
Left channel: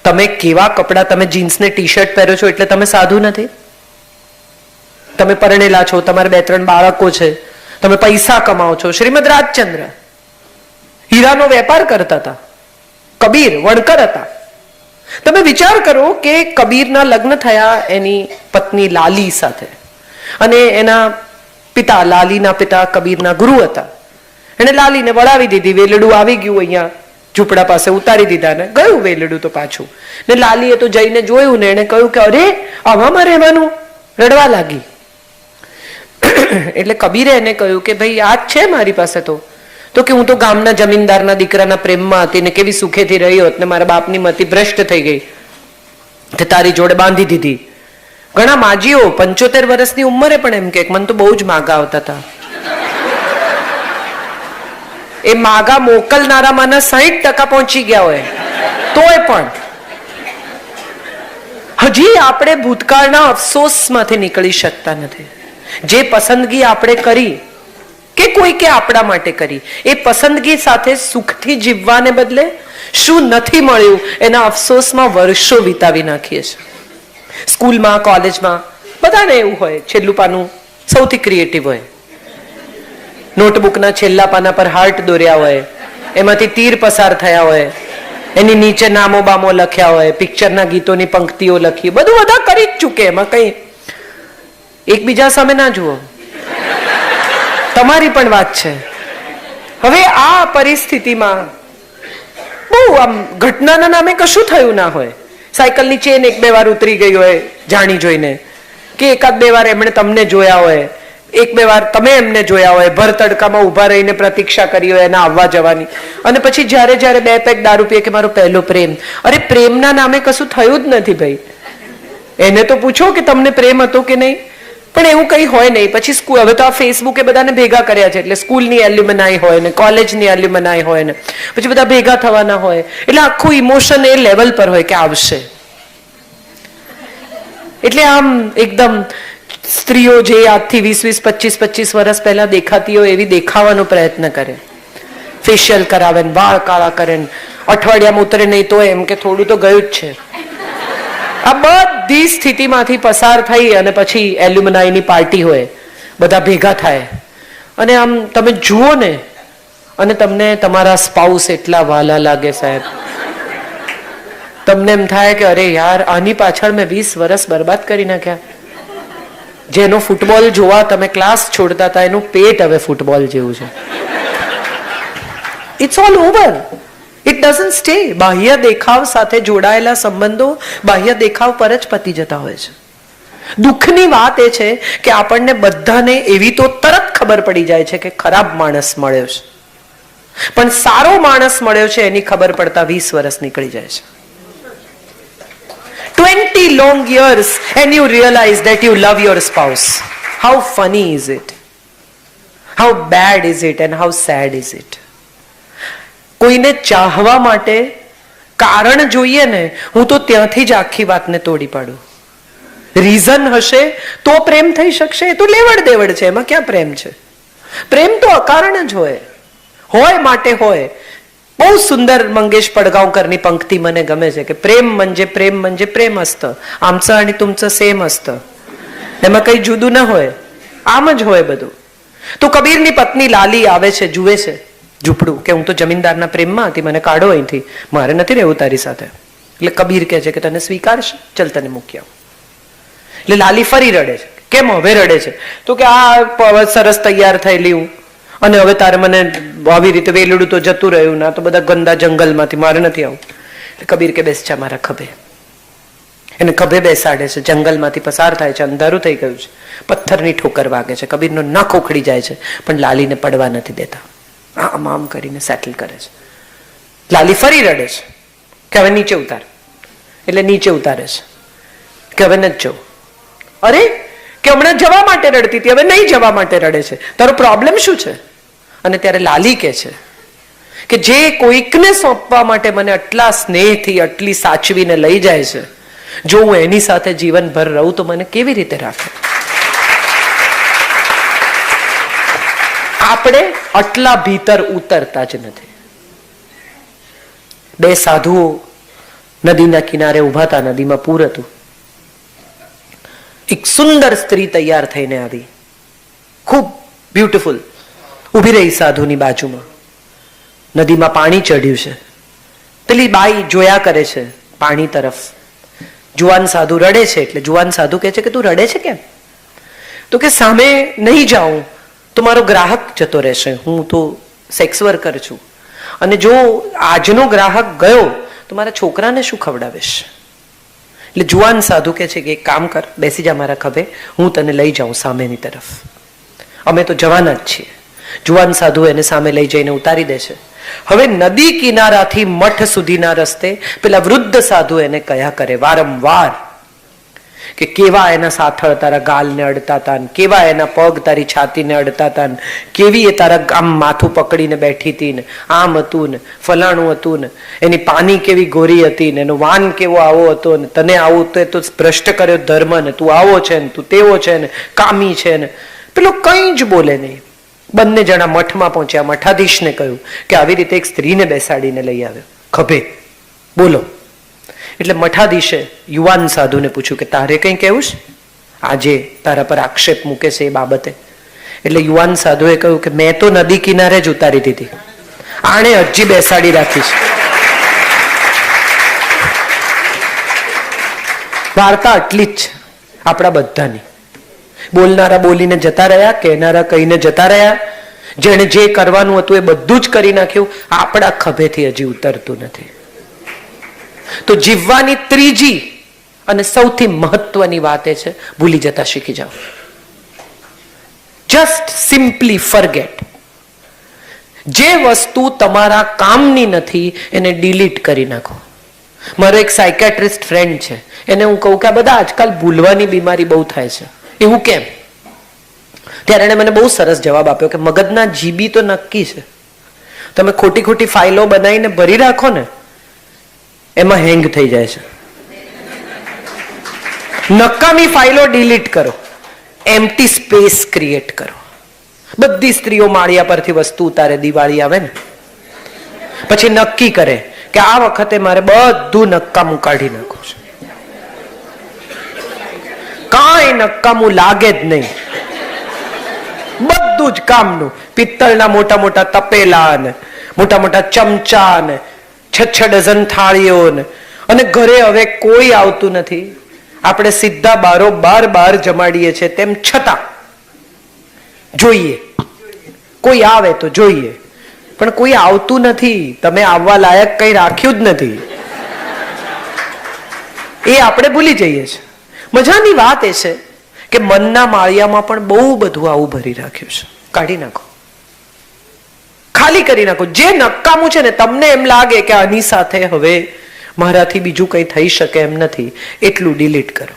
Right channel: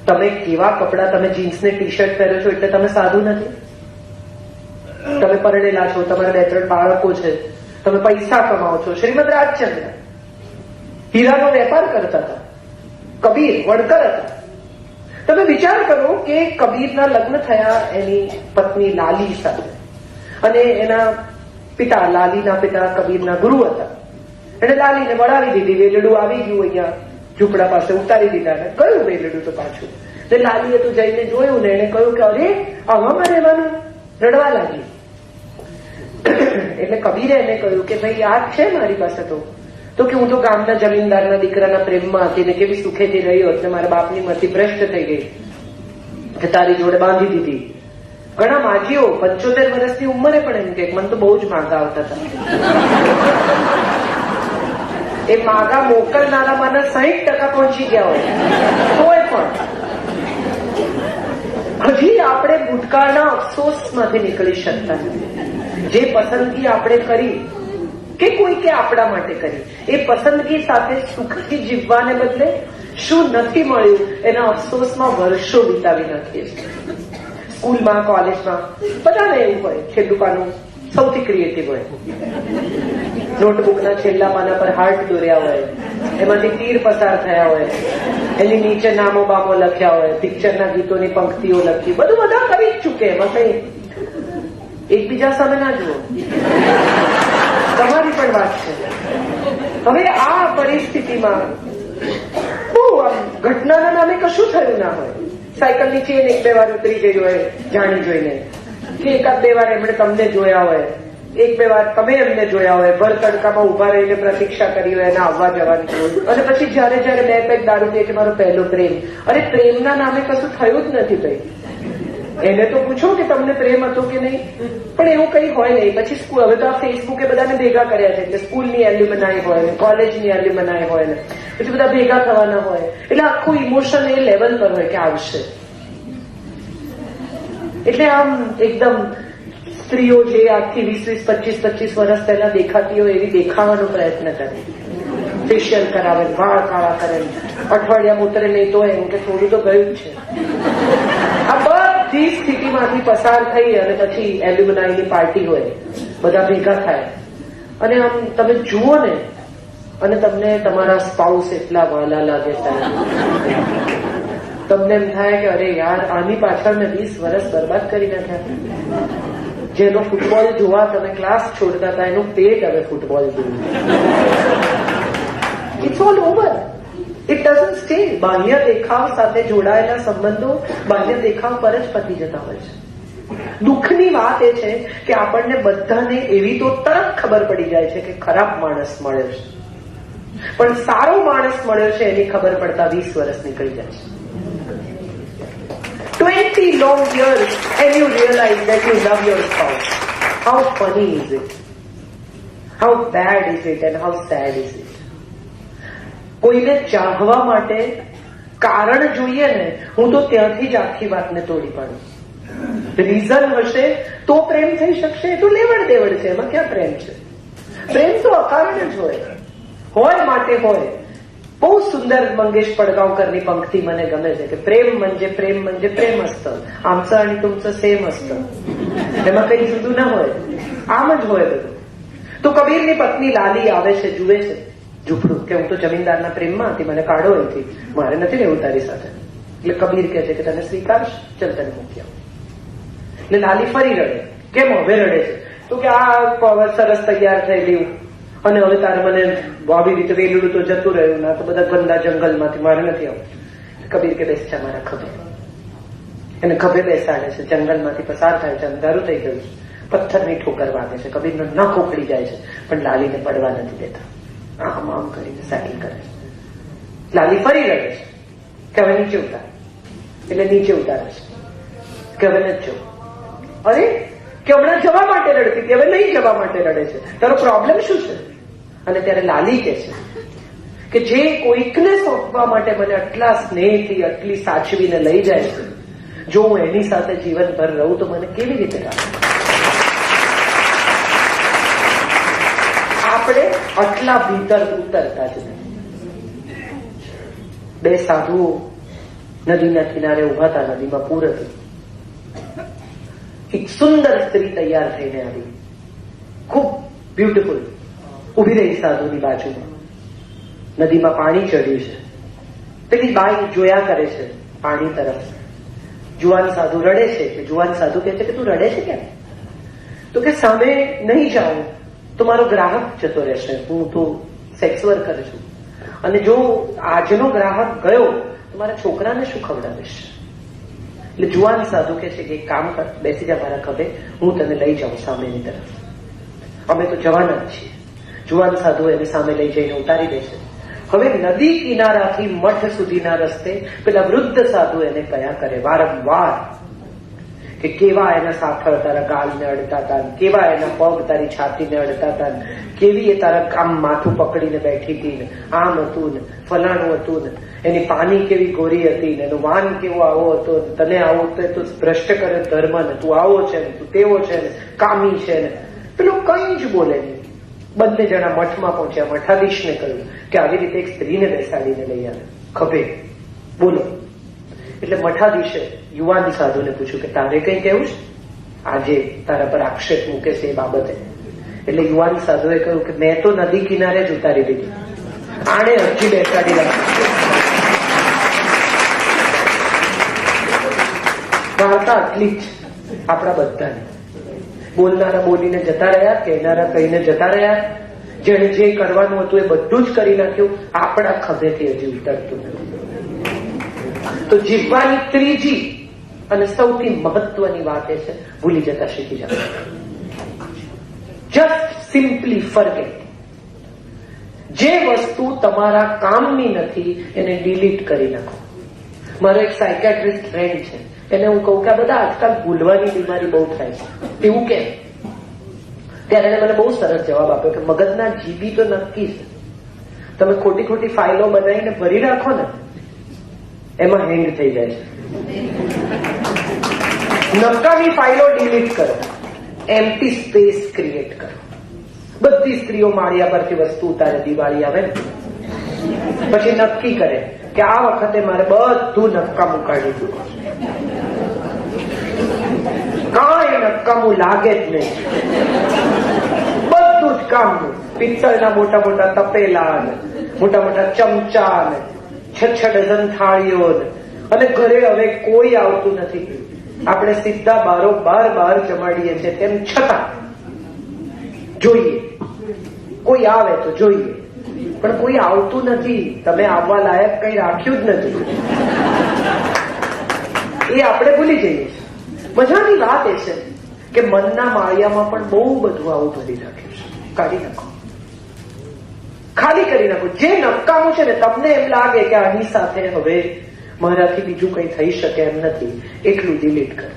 તમે કેવા કપડા, તમે જીન્સ ને ટી શર્ટ પહેરો છો એટલે તમે સાધુ નથી. તમે પરણેલા છો, તમારે 2-3 બાળકો છે, તમે પૈસા કમાઓ છો. શ્રીમદ રાજચંદ્ર હીરાનો વેપાર કરતા હતા, કબીર વણકર હતા. તમે વિચાર કરો કે કબીરના લગ્ન થયા એની પત્ની લાલી સાથે, અને એના પિતા, લાલીના પિતા કબીરના ગુરુ હતા. એને લાલીને વળાવી દીધી, વેલડું આવી ગયું અહીંયા ઝૂંપડા પાસે, ઉતારી દીધા ને ગયું વેલડું તો પાછું. ને લાલીએ તો જઈને જોયું ને એને કહ્યું કે અરે આવામાં રહેવાનું, રડવા લાગી. એટલે કબીરે એને કહ્યું કે ભાઈ આ જ છે મારી પાસે તો કે હું તો ગામના જમીનદારના દીકરાના પ્રેમમાં હતી ને કેવી સુખેથી રહી હોત ને મારા બાપની મતિ ભ્રષ્ટ થઈ ગઈ તે તારી જોડે બાંધી દીધી. ઘણા માજીઓ 75 વર્ષની ઉંમરે પણ એમ કે મને તો બહુ જ માગા આવતા હતા. એ માગા મોકલનારામાંના 60% પહોંચી ગયા હોય તોય પણ હજી આપણે ભૂતકાળના અફસોસમાંથી નીકળી શકતા નથી. જે પસંદગી આપણે કરી કે કોઈ કે આપણા માટે કરી, એ પસંદગી સાથે સુખથી જીવવાને બદલે શું નથી મળ્યું એના અફસોસમાં વર્ષો વિતાવી નાખીએ છીએ. સ્કૂલમાં, કોલેજમાં બધાને એવું હોય, છેલ્લું પાનું સૌથી ક્રિએટિવ હોય. નોટબુકના છેલ્લા પાના પર હાર્ટ દોર્યા હોય, એમાંથી તીર પસાર થયા હોય, એની નીચે નામો બામો લખ્યા હોય, પિક્ચરના ગીતોની પંક્તિઓ લખી, બધું બધા કરી જ ચૂકે. એમાં કઈ એકબીજા સામે ના જુઓ, તમારી પણ વાત છે. હવે આ પરિસ્થિતિમાં બહુ આમ ઘટનાના નામે કશું થયું ના હોય, સાયકલની ચેન 1-2 વાર ઉતરી ગઈ હોય જાણી જોઈને, કે 1-2 વાર એમણે તમને જોયા હોય, 1-2 વાર તમે એમને જોયા હોય, ભર તડકામાં ઉભા રહીને પ્રતીક્ષા કરી હોય એના આવવા જવાની, અને પછી જ્યારે 2 પેક દારૂ પીએ કે મારો પહેલો પ્રેમ. અરે પ્રેમના નામે કશું થયું જ નથી ભાઈ. એને તો પૂછો કે તમને પ્રેમ હતો કે નહીં, પણ એવું કઈ હોય નહીં. પછી સ્કૂલ, હવે તો આ ફેસબુકે બધાને ભેગા કર્યા છે, એટલે સ્કૂલની એલ્યુમનાઈ હોય ને કોલેજની એલ્યુમનાઈ હોય ને પછી બધા ભેગા થવાના હોય, એટલે આખું ઇમોશન એ લેવલ પર હોય કે આવશે. એટલે આમ એકદમ સ્ત્રીઓ જે આજથી 20-25 વર્ષ પહેલા દેખાતી હોય એવી દેખાવાનો પ્રયત્ન કરે, ફેશિયલ કરાવે, વાળ કાળા કરે, અઠવાડિયામાં ઉતરે નહીં તો એમ કે થોડું તો ગયું જ છે. આ બધી સ્થિતિમાંથી પસાર થઈ અને પછી એલ્યુમનાઈની પાર્ટી હોય, બધા ભેગા થાય, અને આમ તમે જુઓ ને અને તમને તમારા સ્પાઉસ એટલા વાલા લાગે સાહેબ. તમને એમ થાય કે અરે યાર આની પાછળ મેં 20 વર્ષ બરબાદ કરી નાખ્યા. જેનો ફૂટબોલ જોવા તમે ક્લાસ છોડતા હતા એનું પેટ હવે ફૂટબોલ જેવું છે. It's all over. It doesn't stay. બાહ્ય દેખાવ સાથે જોડાયેલા સંબંધો બાહ્ય દેખાવ પર જ પતી જતા હોય છે. દુઃખની વાત એ છે કે આપણને બધાને એવી તો તરત ખબર પડી જાય છે કે ખરાબ માણસ મળ્યો છે, પણ સારો માણસ મળ્યો છે એની ખબર પડતા 20 વર્ષ નીકળી જાય છે. 20 long years and you realize that you love your spouse. How funny is it? How bad is it and how sad is it? કોઈને ચાહવા માટે કારણ જોઈએ ને, હું તો ત્યાંથી જ આખી વાતને તોડી પાડું. રીઝન હશે તો પ્રેમ થઈ શકશે, એ તો લેવડ દેવડ છે, એમાં ક્યાં પ્રેમ છે? પ્રેમ તો અકારણ જ હોય માટે હોય. બહુ સુંદર મંગેશ પડગાંવકરની પંક્તિ મને ગમે છે કે પ્રેમ म्हणजे પ્રેમ असतं, आमचं आणि तुमचं सेम असतं. એમાં કઈ જુદું ના હોય. આમ જ હોય બધું. તો કબીરની પત્ની લાલી આવે છે, જુએ છે ઝૂંપડું, કે હું તો જમીનદારના પ્રેમમાં હતી, મને કાઢો અહીંથી, મારે નથી રહેવું તારી સાથે. એટલે કબીર કહે છે કે તને સ્વીકારશે, ચલ તને મૂકી આવું. એટલે લાલી ફરી રડે છે. કેમ હવે રડે છે? તો કે આ સરસ તૈયાર થયેલી હું, અને હવે તારે મને આવી રીતે વેલડું તો જતું રહ્યું, ના તો બધા ગંદા જંગલમાંથી, મારે નથી આવું. કબીર કે બેસ જા મારા ખભે. એને ખભે બેસાડે છે. જંગલમાંથી પસાર થાય છે, અંધારું થઈ ગયું છે, પથ્થરની ઠોકર વાગે છે, કબીરનો નખ ઉખડી જાય છે, પણ લાલીને પડવા નથી દેતા. આમ આમ કરીને સેટલ કરે છે. લાલી ફરી રડે છે કે હવે નીચે ઉતાર. એટલે નીચે ઉતારે છે કે હવે નથી જવું. અરે કે હમણાં જવા માટે રડતી હતી, હવે નહીં જવા માટે રડે છે, તારો પ્રોબ્લેમ શું છે? અને ત્યારે લાલી કે છે કે જે કોઈકને સોંપવા માટે મને આટલા સ્નેહથી આટલી સાચવીને લઈ જાય છે, જો હું એની સાથે જીવનભર રહું તો મને કેવી રીતે રાખે? આપણે આટલા ભીતર ઉતરતા જ નથી. બે સાધુઓ નદીના કિનારે ઉભા હતા. નદીમાં પૂર હતું. એક સુંદર સ્ત્રી તૈયાર થઈને આવી, ખૂબ બ્યુટીફુલ, ઉભી રહી સાધુની બાજુમાં. નદીમાં પાણી ચડ્યું છે. પેલી બાઈ જોયા કરે છે પાણી તરફ. જુવાન સાધુ રડે છે. એટલે જુવાન સાધુ કહે છે કે તું રડે છે કેમ? તો કે સામે નહીં જાઉં તો મારો ગ્રાહક જતો રહેશે, હું તો સેક્સ વર્કર છું, અને જો આજનો ગ્રાહક ગયો તો મારા છોકરાને શું ખવડાવીશ? એટલે જુવાન સાધુ કહે છે કે એક કામ કર, બેસી જા મારા ખભે, હું તને લઈ જાઉં સામેની તરફ, અમે તો જવાના જ છીએ. જુવાન સાધુ એને સામે લઈ જઈને ઉતારી દે છે. હવે નદી કિનારાથી મઠ સુધીના રસ્તે પેલા વૃદ્ધ સાધુ એને કયા કરે વારંવાર કે કેવા એના સાથળ તારા ગાલને અડતા હતા, કેવા એના પગ તારી છાતીને અડતા હતા, કેવી એ તારા આમ માથું પકડીને બેઠી હતી ને, આમ હતું ને, ફલાણું હતું ને, એની પાની કેવી ગોરી હતી ને, એનો વાન કેવો આવો હતો ને, તને આવું તો ભ્રષ્ટ કર્યો ધર્મ ને, તું આવો છે ને, તું તેવો છે ને, કામી છે ને. પેલો કઈ જ બોલે નહીં. બંને જણા મઠમાં પહોંચ્યા. મઠાધીશને કહ્યું કે આવી રીતે એક સ્ત્રીને બેસાડીને લઈ આવે ખભે, બોલો. એટલે મઠાધીશે યુવાન સાધુને પૂછ્યું કે તારે કઈ કહેવું છે આજે તારા પર આક્ષેપ મૂકે છે એ બાબતે? એટલે યુવાન સાધુએ કહ્યું કે મેં તો નદી કિનારે જ ઉતારી દીધી, આણે હજી બેસાડી રાખી છે. વાર્તા આટલી જ આપણા બધાની. બોલનારા બોલીને જતા રહ્યા, કહેનારા કહીને જતા રહ્યા, જેને જે કરવાનું હતું એ બધું જ કરી નાખ્યું, આપણા ખભેથી હજી ઉતરતું નથી. તો જીવવાની ત્રીજી અને સૌથી મહત્વની વાત એ છે, ભૂલી જતા શીખી જાવ. Just simply forget. જે વસ્તુ તમારા કામની નથી એને ડિલીટ કરી નાખો. મારો એક સાયકેટ્રિસ્ટ ફ્રેન્ડ છે, એને હું કહું કે આ બધા આજકાલ ભૂલવાની બીમારી બહુ થાય છે, એવું કેમ? ત્યારે એને મને બહુ સરસ જવાબ આપ્યો કે મગજના જીબી તો નક્કી છે, તમે ખોટી ખોટી ફાઇલો બનાવીને ભરી રાખો ને, એમાં હેંગ થઈ જાય છે. નકામી ફાઇલો ડિલીટ કરો, એમ્પ્ટી સ્પેસ ક્રિએટ કરો. બધી સ્ત્રીઓ માળિયા પરથી વસ્તુ ઉતારે, દિવાળી આવે ને પછી નક્કી કરે કે આ વખતે મારે બધું નકામું કાઢી નાખવું છે. કાંઈ નકામું લાગે જ નહીં, બધું જ કામનું. પિત્તળના મોટા મોટા તપેલા ને મોટા મોટા ચમચા ને 6 ડઝન થાળીઓ ને, અને ઘરે હવે કોઈ આવતું નથી. આપણે સીધા બાર જમાડીએ છીએ, તેમ છતાં જોઈએ કોઈ આવે તો જોઈએ, પણ કોઈ આવતું નથી. તમે આવવા લાયક કઈ રાખ્યું જ નથી, એ આપણે ભૂલી જઈએ છીએ. મજાની વાત એ છે કે મનના માળિયામાં પણ બહુ બધું આવું ભરી રાખ્યું છે. કાઢી નાખો, ખાલી કરી નાખો. જે નકામું છે ને, તમને એમ લાગે કે આની સાથે હવે મારાથી બીજું કઈ થઈ શકે એમ નથી, એટલું ડિલીટ કરો.